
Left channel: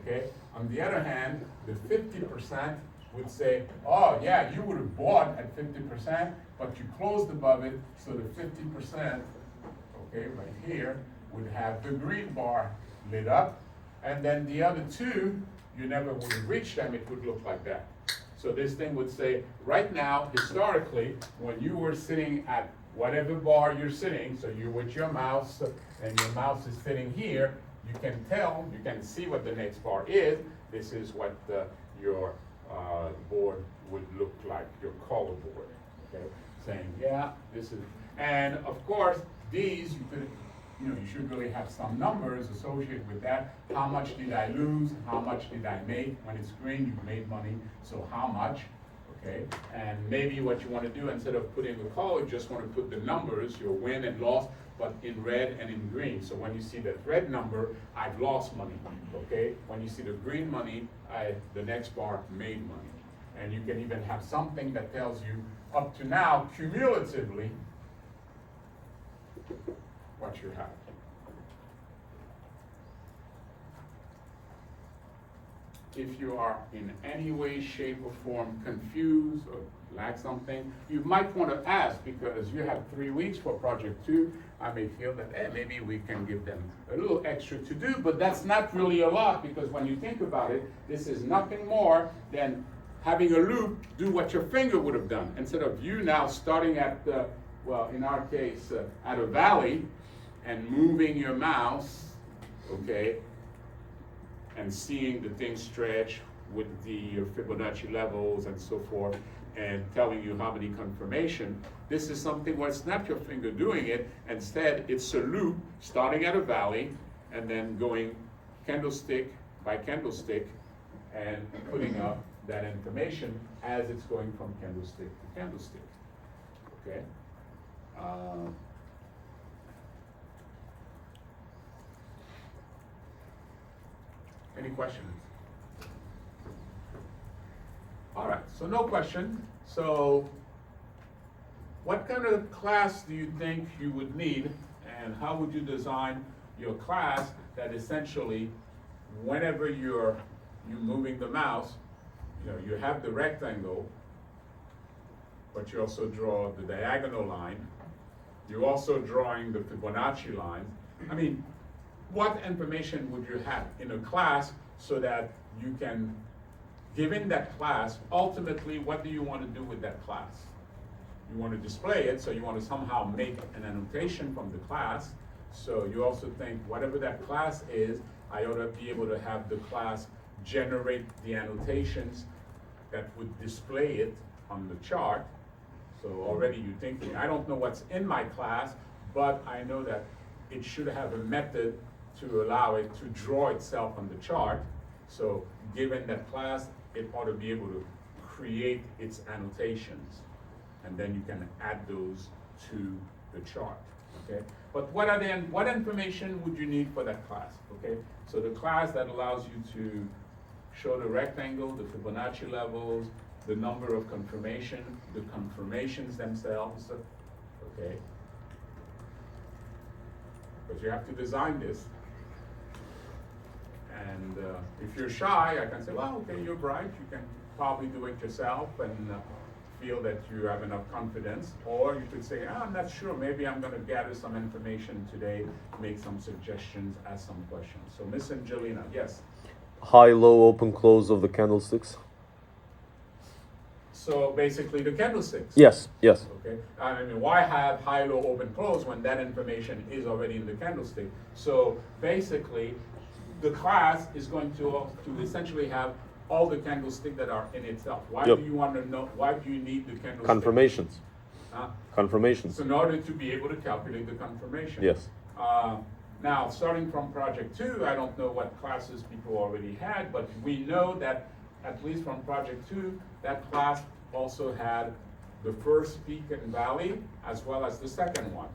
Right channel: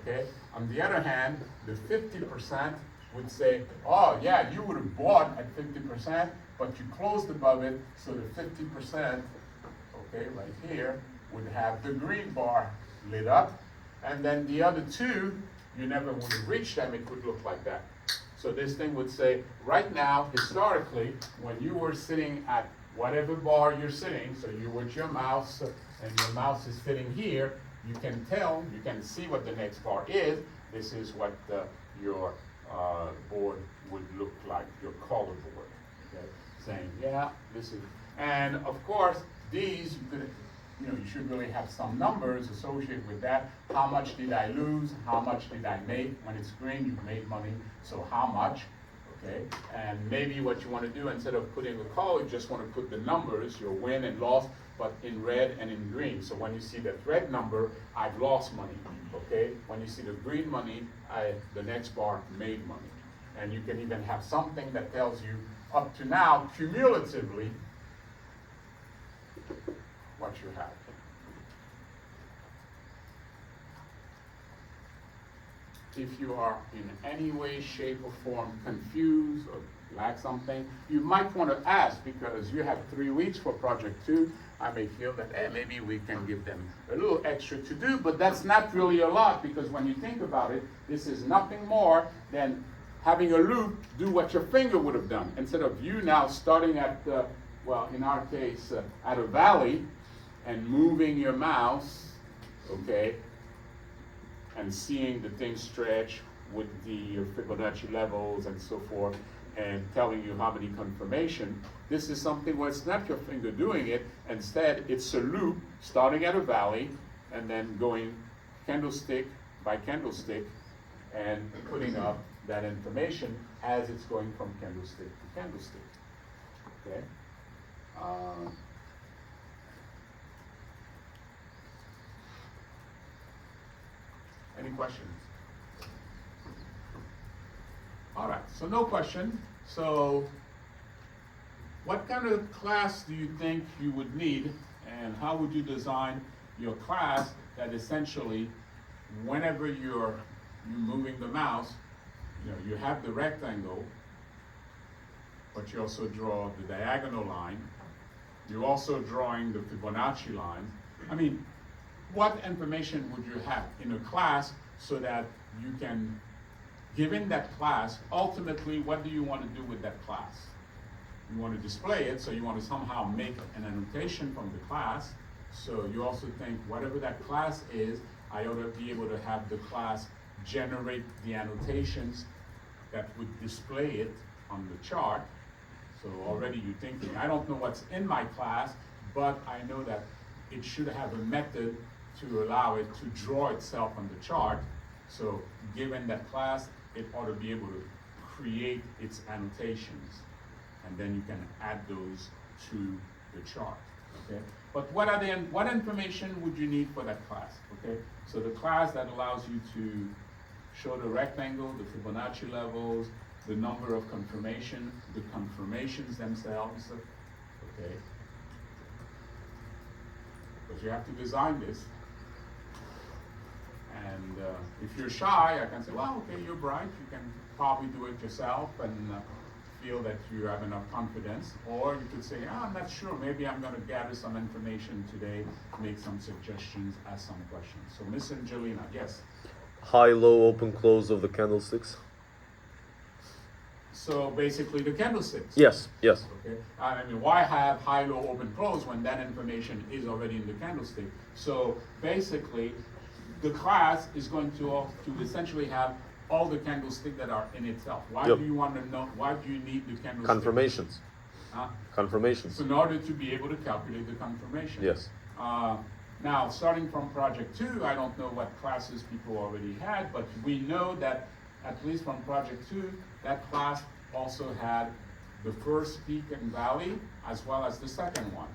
Okay. On the other hand, the 50% would say, oh yeah, you would have bought at 50%, but you closed above it. So the 50%, okay, right here, would have the green bar lit up. And then the other two, you never would have reached them, it would look like that. So this thing would say, right now, historically, when you were sitting at whatever bar you're sitting, so you're with your mouse, and your mouse is sitting here, you can tell, you can see what the next bar is. This is what your board would look like, your color board, okay? Saying, yeah, this is, and of course, these, you could, you should really have some numbers associated with that. How much did I lose? How much did I make? When it's green, you've made money, so how much? Okay, and maybe what you want to do, instead of putting the color, you just want to put the numbers, your win and loss, but in red and in green. So when you see that red number, I've lost money, okay? When you see the green money, the next bar made money. And you can even have something that tells you, up to now, cumulatively, what you have. If you are in any way, shape, or form confused or lack something, you might want to ask, because you have 3 weeks for project 2. I may feel that maybe we can give them a little extra to do, but that's not really a lot, because when you think about it, this is nothing more than having a loop do what your finger would have done. Instead of you now starting at, well, in our case, at a valley, and moving your mouse, okay, and seeing the thing stretch with the Fibonacci levels and so forth, and telling you how many confirmation. This is something where it's not your finger doing it. Instead, it's a loop starting at a valley and then going candlestick by candlestick and putting up that information as it's going from candlestick to candlestick. Okay. Any questions? All right, so no question. So what kind of class do you think you would need, and how would you design your class that essentially, whenever you're moving the mouse, you have the rectangle, but you also draw the diagonal line. You're also drawing the Fibonacci line. I mean, what information would you have in a class so that you can, given that class, ultimately, what do you want to do with that class? You want to display it, so you want to somehow make an annotation from the class. So you also think, whatever that class is, I ought to be able to have the class generate the annotations that would display it on the chart. So already you're thinking, I don't know what's in my class, but I know that it should have a method to allow it to draw itself on the chart. So given that class, it ought to be able to create its annotations. And then you can add those to the chart, okay? But what information would you need for that class, okay? So the class that allows you to show the rectangle, the Fibonacci levels, the number of confirmation, the confirmations themselves, okay? Because you have to design this. And if you're shy, I can say, well, okay, you're bright, you can probably do it yourself and feel that you have enough confidence. Or you could say, I'm not sure, maybe I'm gonna gather some information today, make some suggestions, ask some questions. So Miss Angelina, yes? High, low, open, close of the candlesticks. So basically the candlesticks. Yes, yes. Okay. I mean, why have high, low, open, close when that information is already in the candlestick? So basically, the class is going to essentially have all the candlesticks that are in itself. Why Yep. do you want to know? Why do you need the candlestick? Confirmations. Huh? Confirmations. So in order to be able to calculate the confirmation. Yes. Now, starting from project 2, I don't know what classes people already had, but we know that at least from project 2, that class also had the first peak and valley as well as the second one.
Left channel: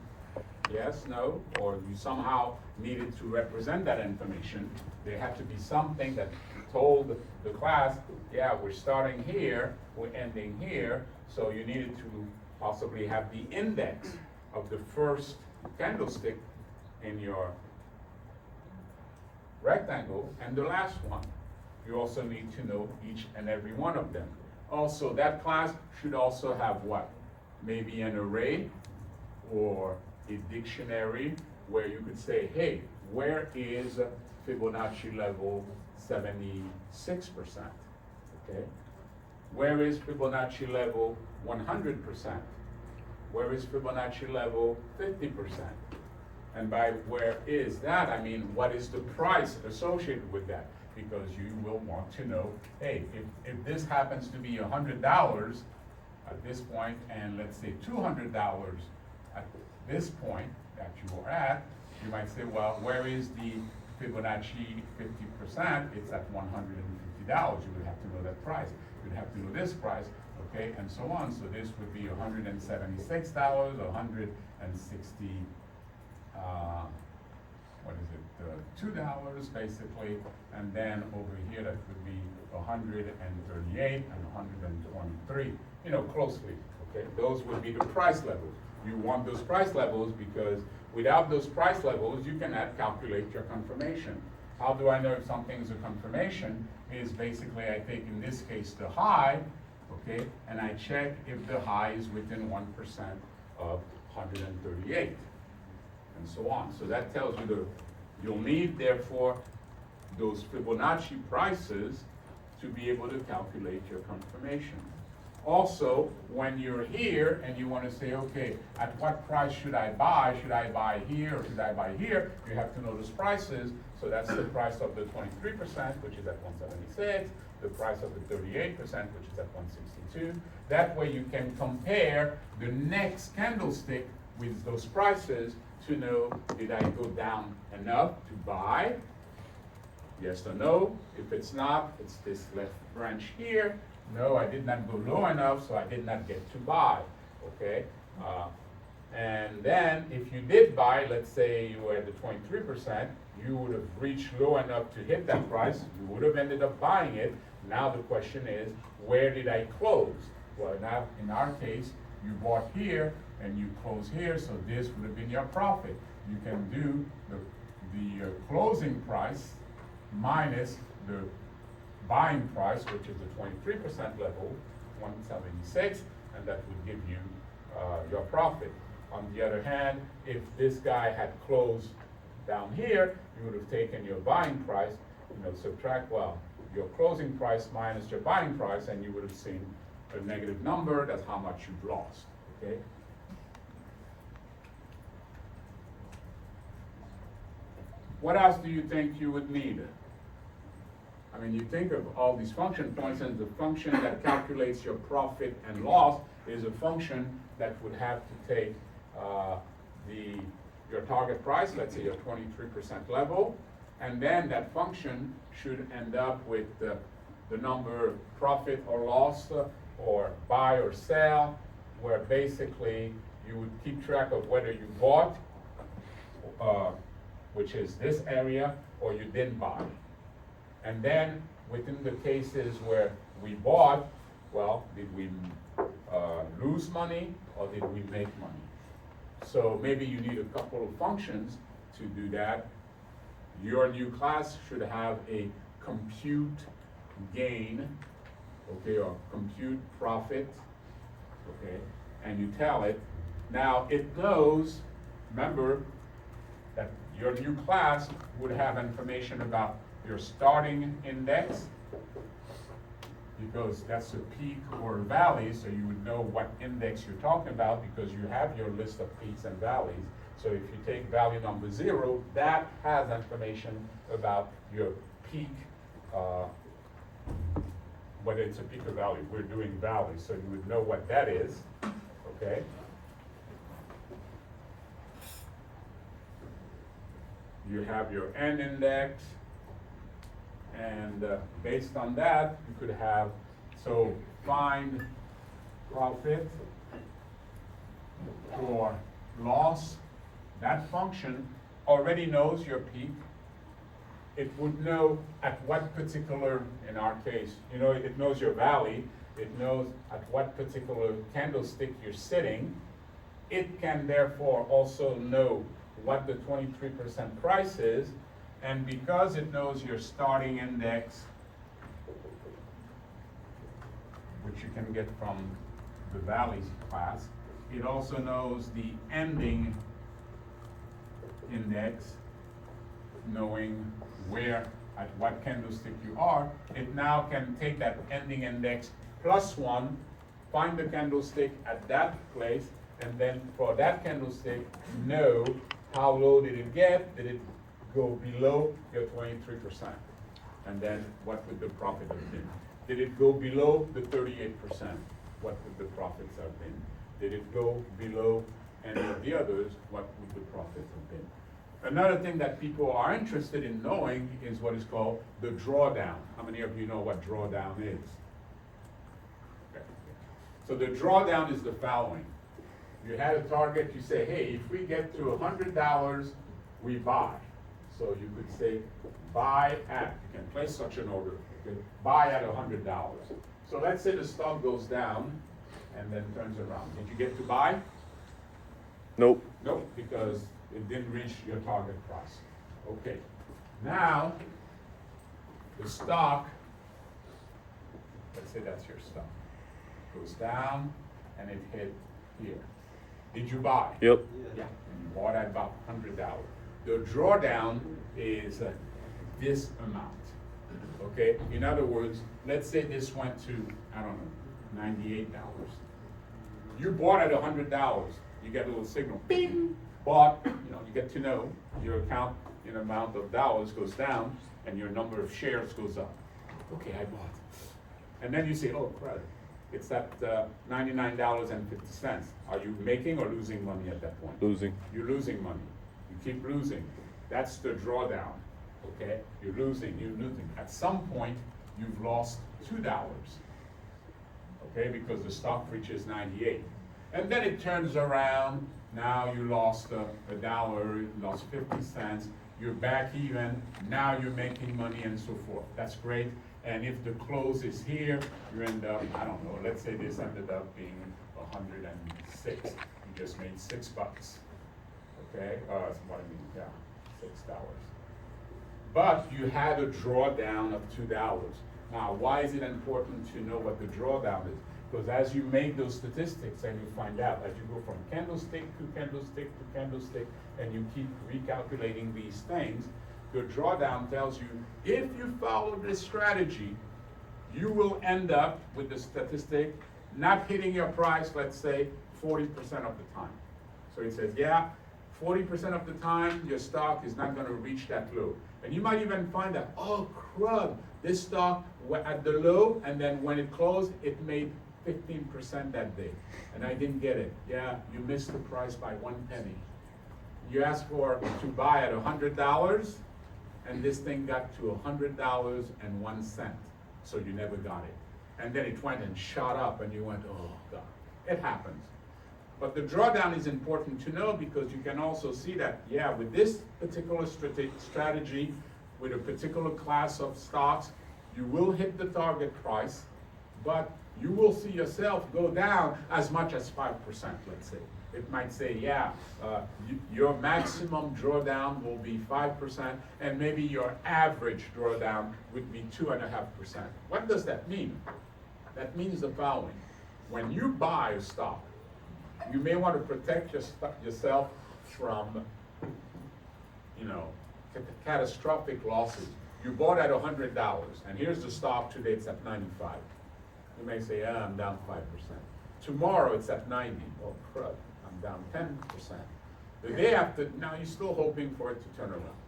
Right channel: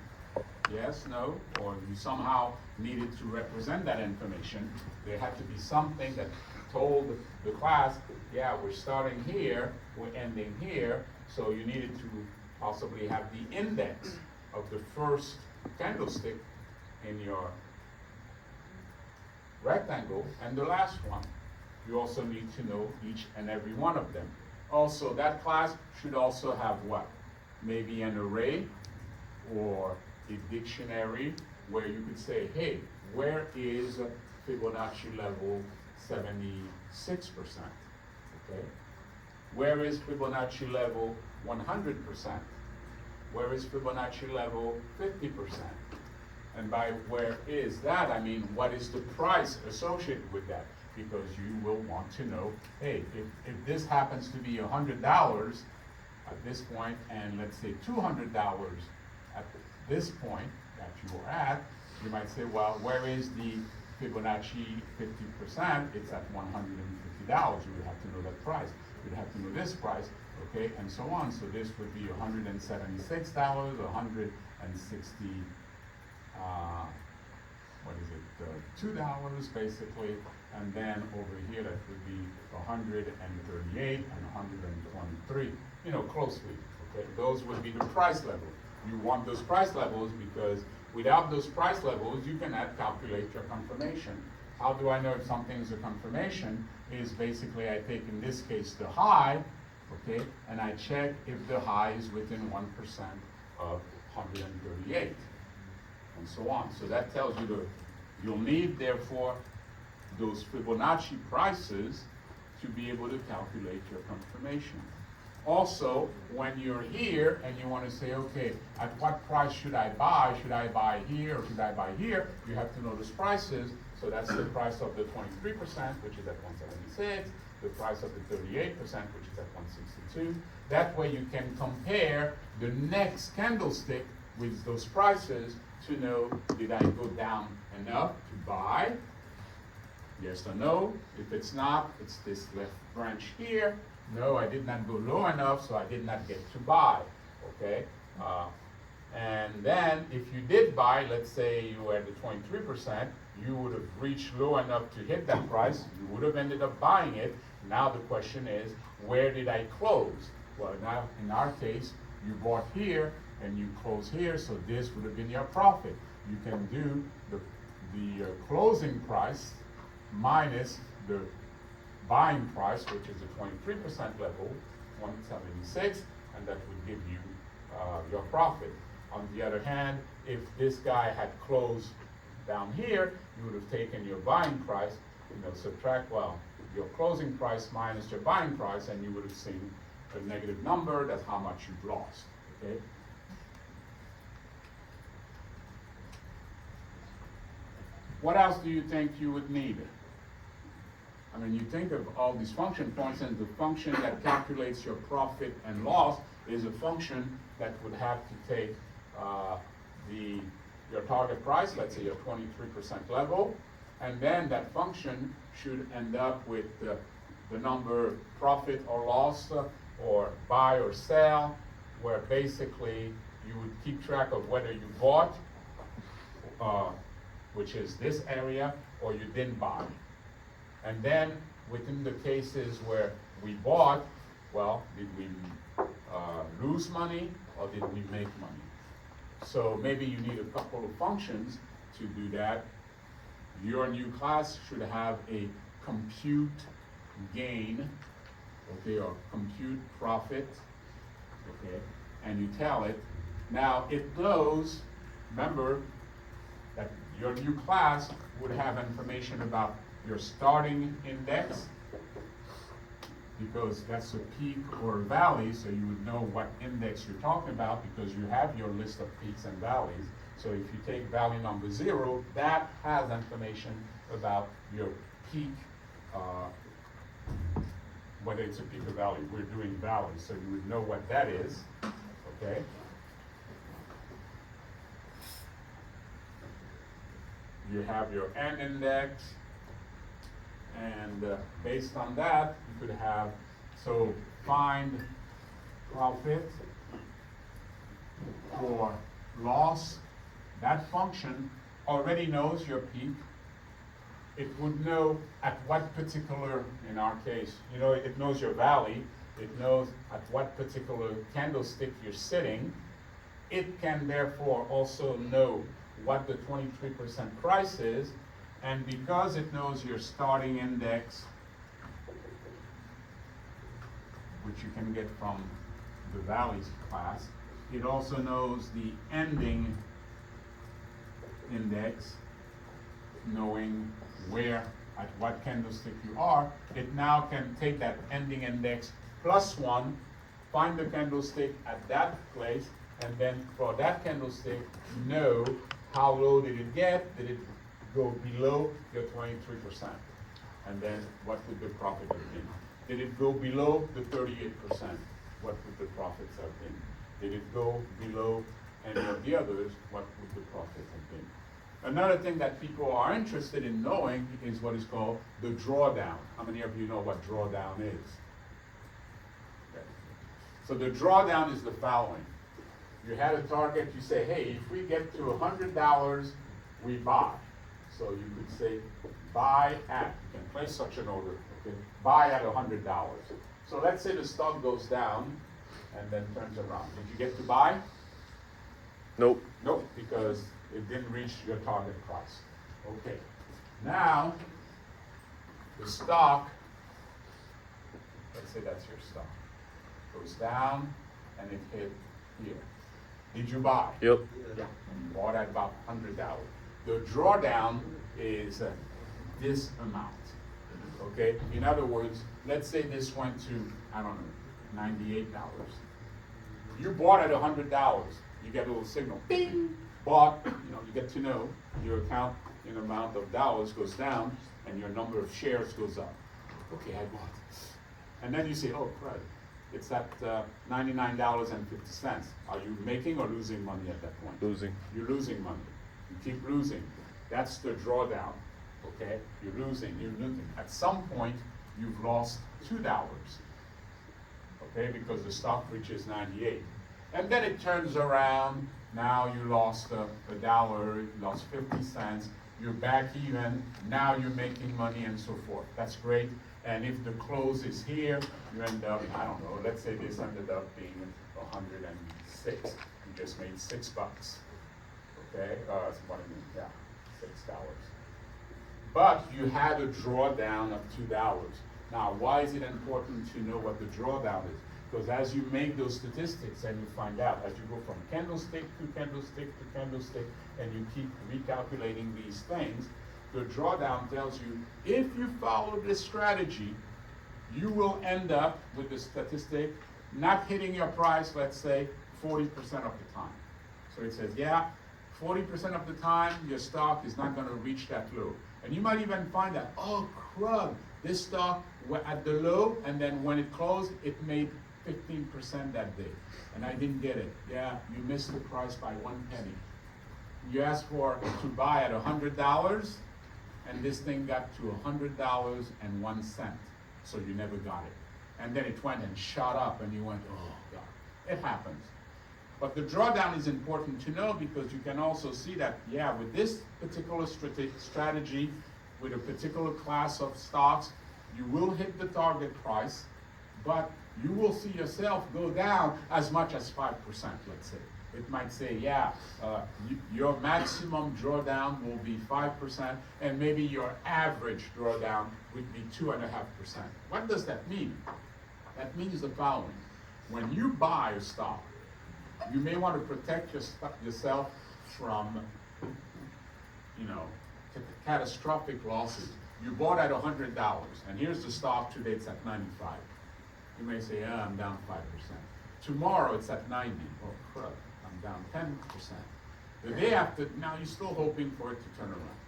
Yes, no, or you somehow needed to represent that information. There had to be something that told the class, yeah, we're starting here, we're ending here, so you needed to possibly have the index of the first candlestick in your rectangle and the last one. You also need to know each and every one of them. Also, that class should also have what? Maybe an array or a dictionary where you could say, hey, where is Fibonacci level 76%? Okay. Where is Fibonacci level 100%? Where is Fibonacci level 50%? And by where is that, I mean, what is the price associated with that? Because you will want to know, hey, if this happens to be $100 at this point, and let's say $200 at this point that you are at, you might say, well, where is the Fibonacci 50%? It's at $150. You would have to know that price. You'd have to know this price, okay, and so on. So this would be $176, $160. What is it, $2 basically, and then over here that would be 138 and 123, you know, closely, okay? Those would be the price levels. You want those price levels because without those price levels, you cannot calculate your confirmation. How do I know if something is a confirmation? Is basically I take, in this case, the high, okay, and I check if the high is within 1% of 138. And so on. So that tells you you'll need, therefore, those Fibonacci prices to be able to calculate your confirmation. Also, when you're here and you want to say, okay, at what price should I buy? Should I buy here or should I buy here? You have to know those prices. So that's the price of the 23%, which is at 176, the price of the 38%, which is at 162. That way you can compare the next candlestick with those prices to know, did I go down enough to buy? Yes or no? If it's not, it's this left branch here. No, I did not go low enough, so I did not get to buy, okay? And then if you did buy, let's say you were at the 23%, you would have reached low enough to hit that price, you would have ended up buying it. Now the question is, where did I close? Well, now in our case, you bought here, and you close here, so this would have been your profit. You can do the closing price minus the buying price, which is the 23% level, 176, and that would give you your profit. On the other hand, if this guy had closed down here, you would have taken your buying price, subtract, your closing price minus your buying price, and you would have seen a negative number. That's how much you've lost, okay? What else do you think you would need? I mean, you think of all these functions, for instance, the function that calculates your profit and loss is a function that would have to take your target price, let's say your 23% level, and then that function should end up with the number profit or loss or buy or sell, where basically you would keep track of whether you bought, which is this area, or you didn't buy. And then within the cases where we bought, well, did we lose money or did we make money? So maybe you need a couple of functions to do that. Your new class should have a compute gain, okay, or compute profit, okay, and you tell it. Now it knows, remember, that your new class would have information about your starting index, because that's a peak or a valley, so you would know what index you're talking about because you have your list of peaks and valleys. So if you take value number 0, that has information about your peak, whether it's a peak or valley. We're doing valleys, so you would know what that is, okay? You have your end index, and based on that, you could have, so find profit or loss. That function already knows your peak. It would know at what particular, in our case, you know, it knows your valley. It knows at what particular candlestick you're sitting. It can therefore also know what the 23% price is, and because it knows your starting index, which you can get from the valleys class, it also knows the ending index, knowing where, at what candlestick you are. It now can take that ending index +1, find the candlestick at that place, and then for that candlestick, know how low did it get? Did it go below your 23%? And then what would the profit have been? Did it go below the 38%? What would the profits have been? Did it go below any of the others? What would the profit have been? Another thing that people are interested in knowing is what is called the drawdown. How many of you know what drawdown is? Okay. So the drawdown is the following. You had a target, you say, hey, if we get to $100, we buy. So you could say, buy at, you can place such an order, okay? Buy at $100. So let's say the stock goes down and then turns around. Did you get to buy? Nope. Nope, because it didn't reach your target price. Okay, now the stock, let's say that's your stock, goes down and it hit here. Did you buy? Yep. Yeah, you bought at about $100. The drawdown is this amount, okay? In other words, let's say this went to, I don't know, $98. You bought at $100, you get a little signal, bing, bought, you know, you get to know your account in amount of dollars goes down and your number of shares goes up. Okay, I bought. And then you say, oh, crud. It's at $99.50. Are you making or losing money at that point? Losing. You're losing money. You keep losing. That's the drawdown, okay? You're losing. At some point, you've lost $2, okay? Because the stock reaches 98. And then it turns around. Now you lost $1, you lost 50 cents. You're back even. Now you're making money and so forth. That's great. And if the close is here, you end up, I don't know, let's say this ended up being 106. You just made $6. Okay? What I mean, yeah, $6. But you had a drawdown of $2. Now, why is it important to know what the drawdown is? Because as you make those statistics and you find out, as you go from candlestick to candlestick to candlestick, and you keep recalculating these things, the drawdown tells you, if you follow this strategy, you will end up with the statistic not hitting your price, let's say, 40% of the time. So it says, yeah, 40% of the time, your stock is not going to reach that low. And you might even find that, oh, crud, this stock at the low, and then when it closed, it made 15% that day. And I didn't get it. Yeah, you missed the price by 1 penny. You asked to buy at $100, and this thing got to $100.01. So you never got it. And then it went and shot up, and you went, oh God. It happens. But the drawdown is important to know, because you can also see that, yeah, with this particular strategy, with a particular class of stocks, you will hit the target price, but you will see yourself go down as much as 5%, let's say. It might say, yeah, your maximum drawdown will be 5%, and maybe your average drawdown would be 2.5%. What does that mean? That means the following. When you buy a stock, you may want to protect yourself from, catastrophic losses. You bought at $100, and here's the stock today, it's at 95. You may say, I'm down 5%. Tomorrow it's at 90. Oh, crud, I'm down 10%. The day after, now you're still hoping for it to turn around.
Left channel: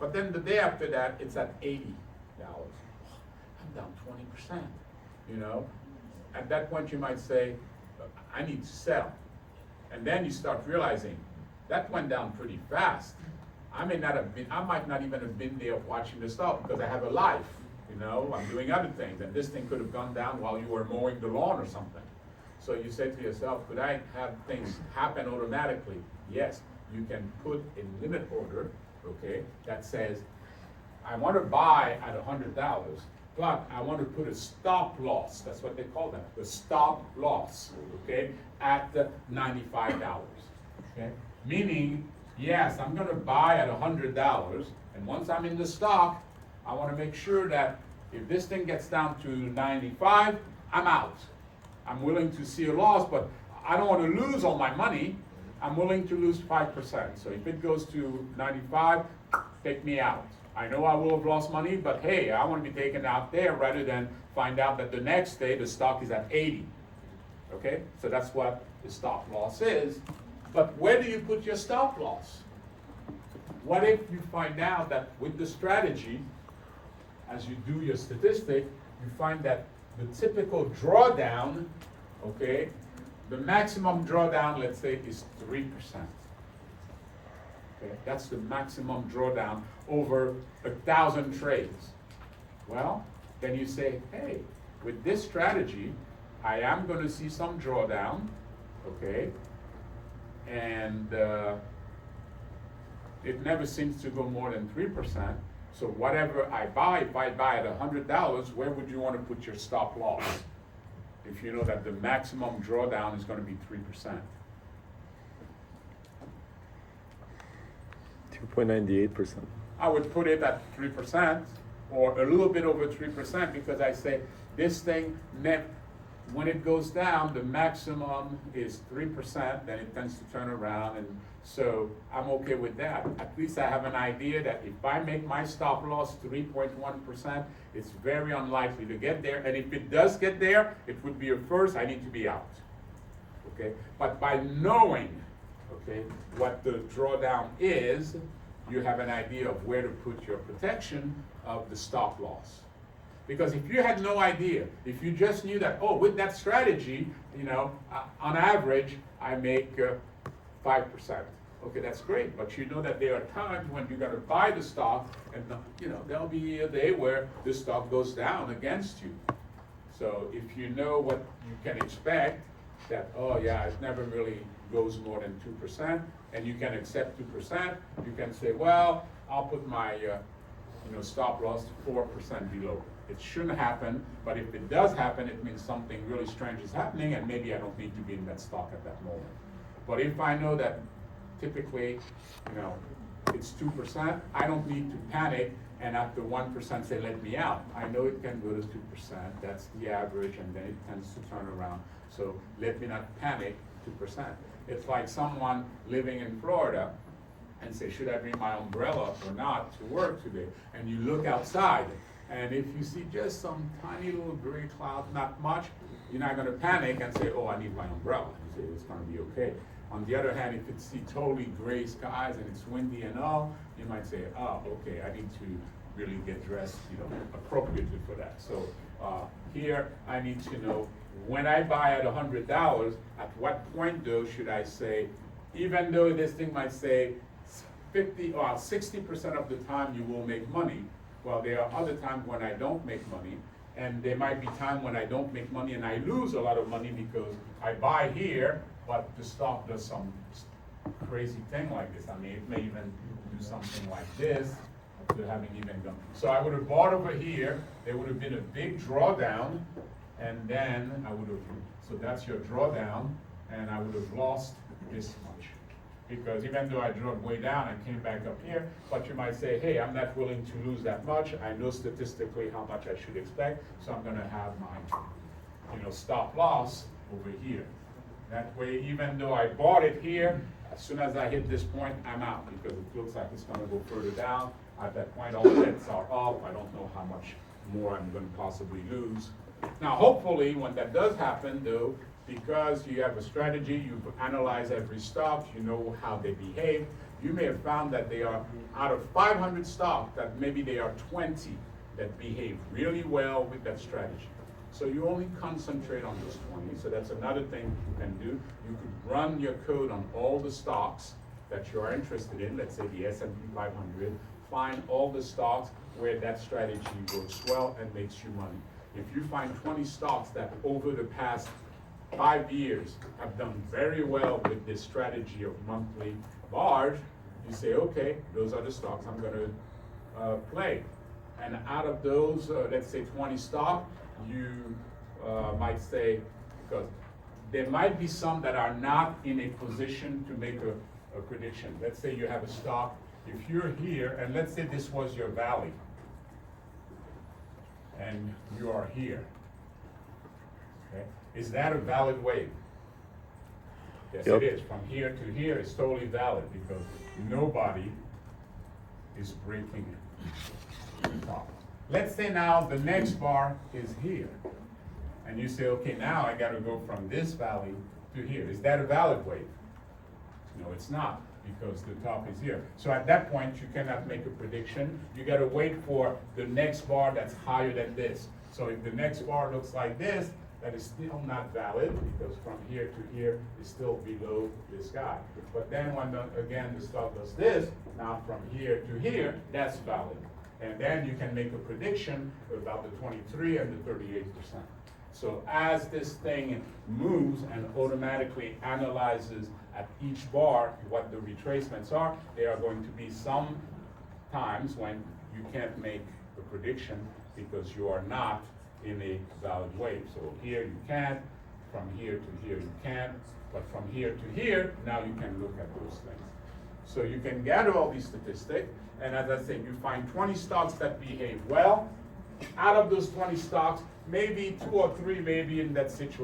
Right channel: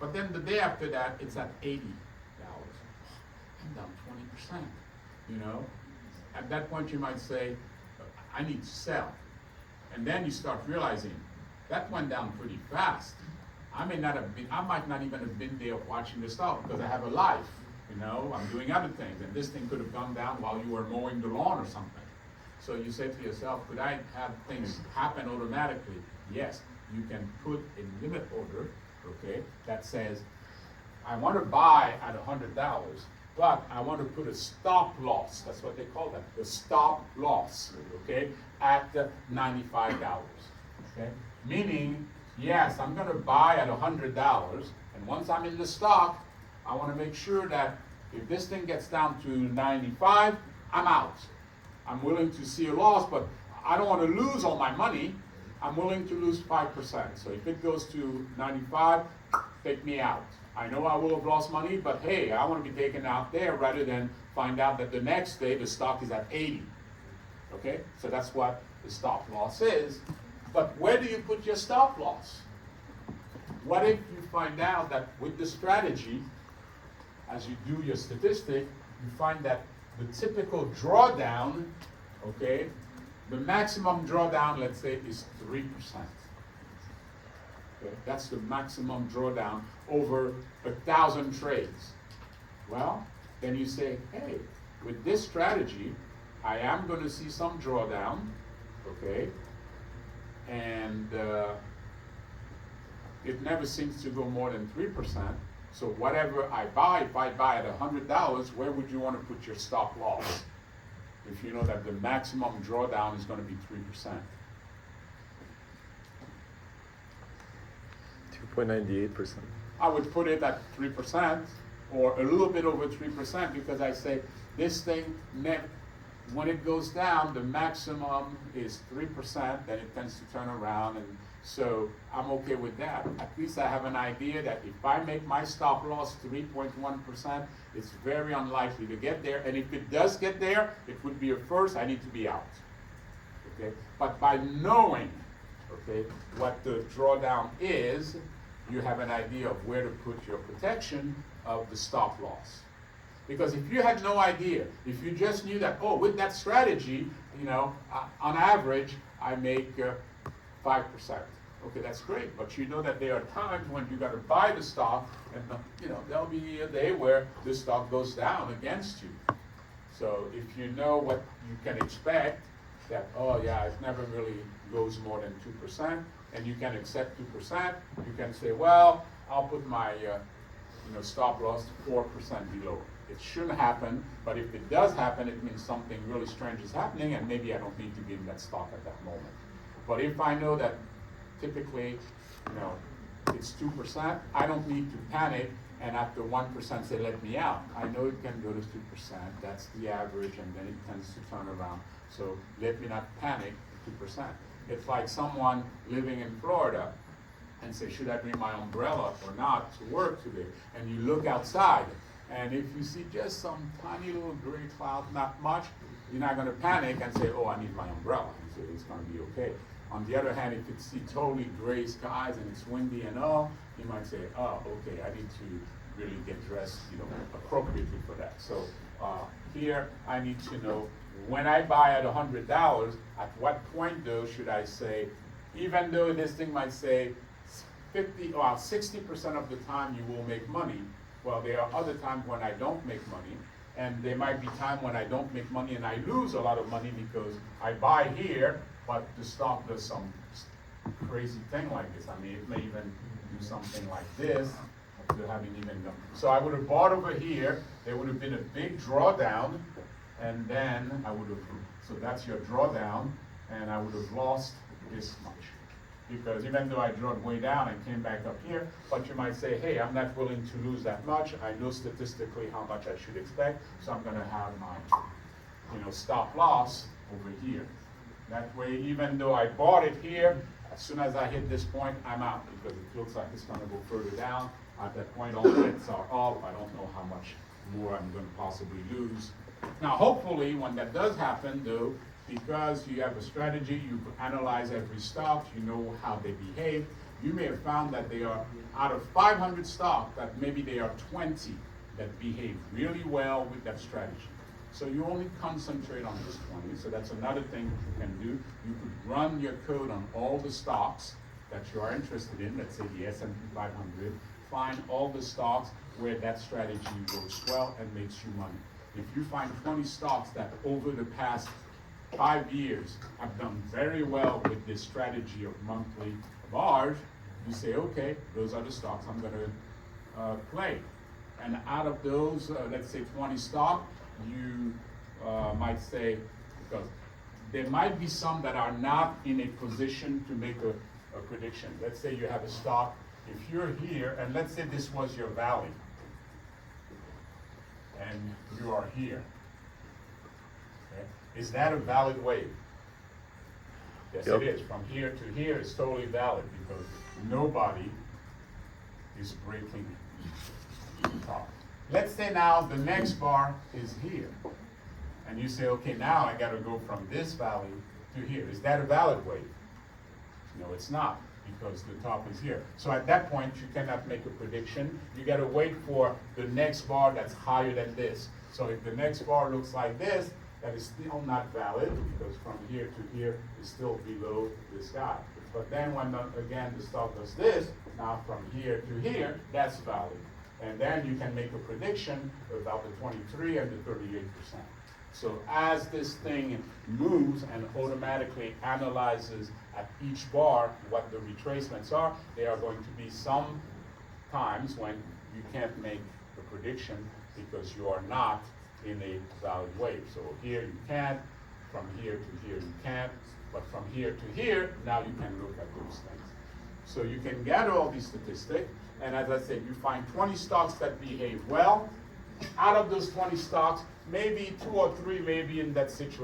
But then the day after that, it's at $80. I'm down 20%, At that point you might say, I need to sell. And then you start realizing, that went down pretty fast. I might not even have been there watching the stock, because I have a life, I'm doing other things, and this thing could have gone down while you were mowing the lawn or something. So you say to yourself, could I have things happen automatically? Yes, you can put a limit order, okay, that says, I want to buy at $100, but I want to put a stop loss, that's what they call that, the stop loss, okay, at $95, okay? Meaning, yes, I'm going to buy at $100, and once I'm in the stock, I want to make sure that if this thing gets down to 95, I'm out. I'm willing to see a loss, but I don't want to lose all my money. I'm willing to lose 5%. So if it goes to 95, take me out. I know I will have lost money, but hey, I want to be taken out there rather than find out that the next day the stock is at 80. Okay, so that's what the stop loss is. But where do you put your stop loss? What if you find out that with the strategy, as you do your statistic, you find that the typical drawdown, okay, the maximum drawdown, let's say, is 3%. Okay, that's the maximum drawdown over 1,000 trades. Well, then you say, hey, with this strategy, I am going to see some drawdown, okay, and it never seems to go more than 3%. So whatever I buy, if I buy at $100, where would you want to put your stop loss? If you know that the maximum drawdown is going to be 3%. 2.98%. I would put it at 3% or a little bit over 3%, because I say this thing net, when it goes down, the maximum is 3%, then it tends to turn around, and so I'm okay with that. At least I have an idea that if I make my stop loss 3.1%, it's very unlikely to get there, and if it does get there, it would be a first, I need to be out, okay? But by knowing, okay, what the drawdown is, you have an idea of where to put your protection of the stop loss. Because if you had no idea, if you just knew that, oh, with that strategy, on average, I make 5%. Okay, that's great, but you know that there are times when you got to buy the stock, and there'll be a day where the stock goes down against you. So if you know what you can expect, that, oh yeah, it never really goes more than 2%, and you can accept 2%, you can say, well, I'll put my stop loss 4% below. It shouldn't happen, but if it does happen, it means something really strange is happening, and maybe I don't need to be in that stock at that moment. But if I know that typically, it's 2%, I don't need to panic and after 1% say, let me out. I know it can go to 2%, that's the average, and then it tends to turn around. So let me not panic 2%. It's like someone living in Florida and say, should I bring my umbrella or not to work today? And you look outside, and if you see just some tiny little gray cloud, not much, you're not going to panic and say, oh, I need my umbrella. You say, it's going to be okay. On the other hand, if you see totally gray skies and it's windy and all, you might say, oh, okay, I need to really get dressed, appropriately for that. So, here, I need to know, when I buy at $100, at what point though should I say, even though this thing might say 60% of the time you will make money, well, there are other times when I don't make money, and there might be time when I don't make money and I lose a lot of money because I buy here, but the stock does some crazy thing like this. I mean, it may even do something like this. I haven't even done. So I would have bought over here, there would have been a big drawdown, and then I would have, so that's your drawdown, and I would have lost this much. Because even though I drawed way down and came back up here, but you might say, hey, I'm not willing to lose that much. I know statistically how much I should expect, so I'm gonna have my, stop loss over here. That way, even though I bought it here, as soon as I hit this point, I'm out, because it looks like it's gonna go further down. At that point, all bets are off. I don't know how much more I'm gonna possibly lose. Now, hopefully, when that does happen, though, because you have a strategy, you analyze every stock, you know how they behave, you may have found that they are, out of 500 stocks, that maybe there are 20 that behave really well with that strategy. So you only concentrate on this 20, so that's another thing you can do. You could run your code on all the stocks that you are interested in, let's say the S&P 500, find all the stocks where that strategy works well and makes you money. If you find 20 stocks that over the past 5 years have done very well with this strategy of monthly bars, you say, okay, those are the stocks I'm gonna play. And out of those, let's say 20 stocks, you might say, because there might be some that are not in a position to make a prediction. Let's say you have a stock, if you're here, and let's say this was your valley, and you are here. Okay? Is that a valid wave? Yes, Yep. it is. From here to here is totally valid because nobody is breaking the top. Let's say now the next bar is here. And you say, okay, now I gotta go from this valley to here. Is that a valid wave? No, it's not, because the top is here. So at that point, you cannot make a prediction. You gotta wait for the next bar that's higher than this. So if the next bar looks like this, that is still not valid, because from here to here is still below this guy. But then when, again, the stock does this, now from here to here, that's valid. And then you can make a prediction about the 23 and the 38%. So as this thing moves and automatically analyzes at each bar what the retracements are, there are going to be some times when you can't make a prediction because you are not in a valid wave. So here you can, from here to here you can't, but from here to here, now you can look at those things. So you can gather all these statistics, and as I said, you find 20 stocks that behave well. Out of those 20 stocks, maybe 2 or 3 may be in that situation.